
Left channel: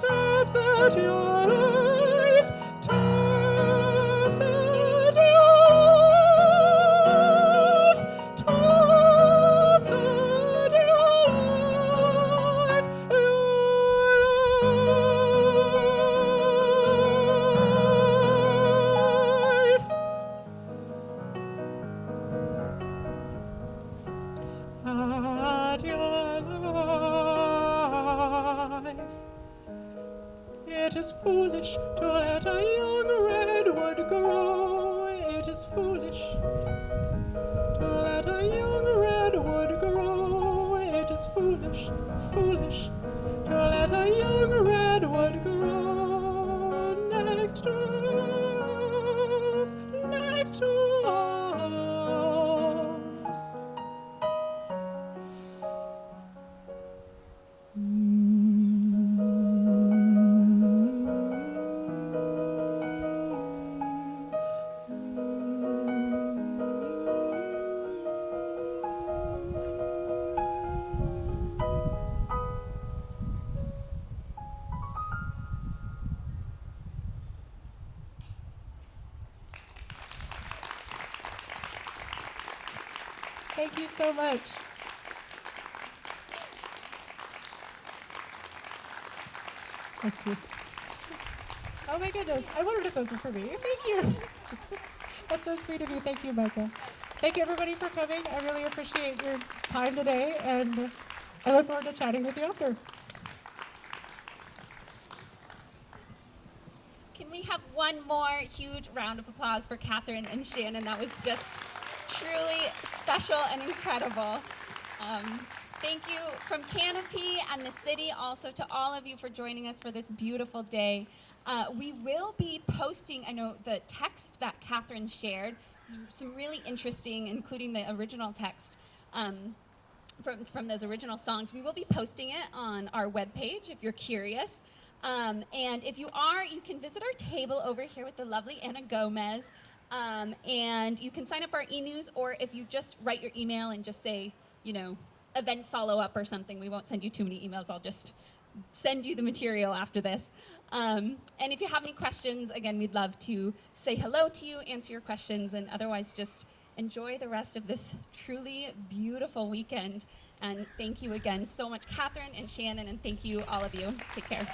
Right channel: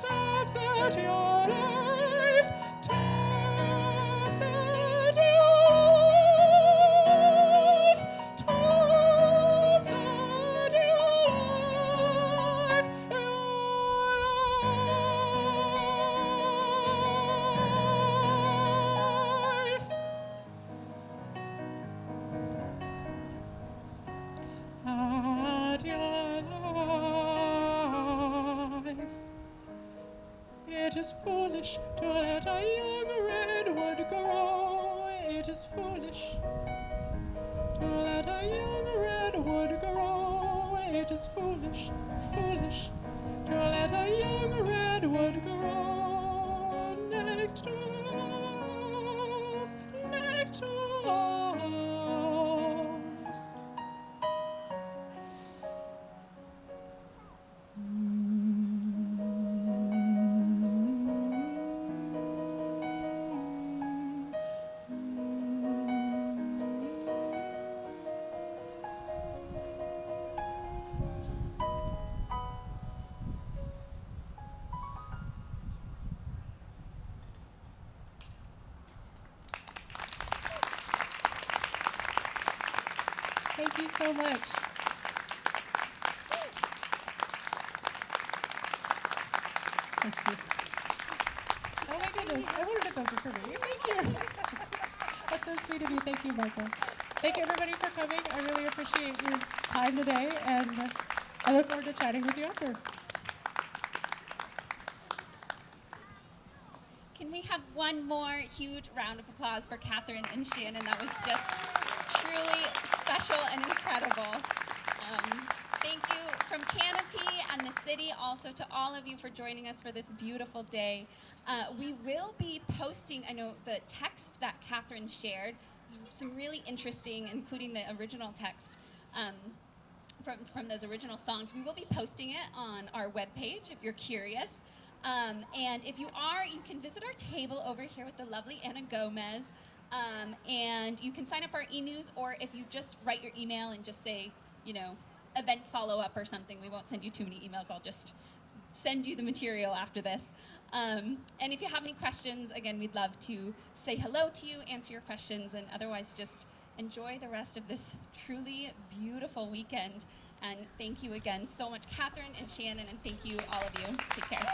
taps at your life. Taps at your life. Taps at your life. At your life. It is foolish to let a young redwood grow. It is foolish to let a young redwood grow. It is foolish, foolish to let a young redwood grow next to us, next to us. Thank you so much. Thank you. Oh my goodness, I wondered if those were for me. Thank you. That's so sweet of you. Thank you, Michael. Thank you, everybody, for coming. I really appreciate your time today, and I look forward to chatting with you after. Can we have one more huge round of applause for Katherine and Shannon? That was just truly special and incredible. Thank you from Canopy and the city, also to all of you for joining us for this beautiful day. We will be posting, I know, the text that Katherine shared, some really interesting, including the original text from those original songs. We will be posting it on our webpage if you're curious. And if you are, you can visit our table over here with the lovely Anna Gomez. And you can sign up for our e-news, or if you just write your email and just say, you know, event follow-up or something, we won't send you too many emails. I'll just send you the material after this. And if you have any questions, again, we'd love to say hello to you, answer your questions, and otherwise just enjoy the rest of this truly beautiful weekend. And thank you again so much, Katherine and Shannon, and thank you, all of you. Take care.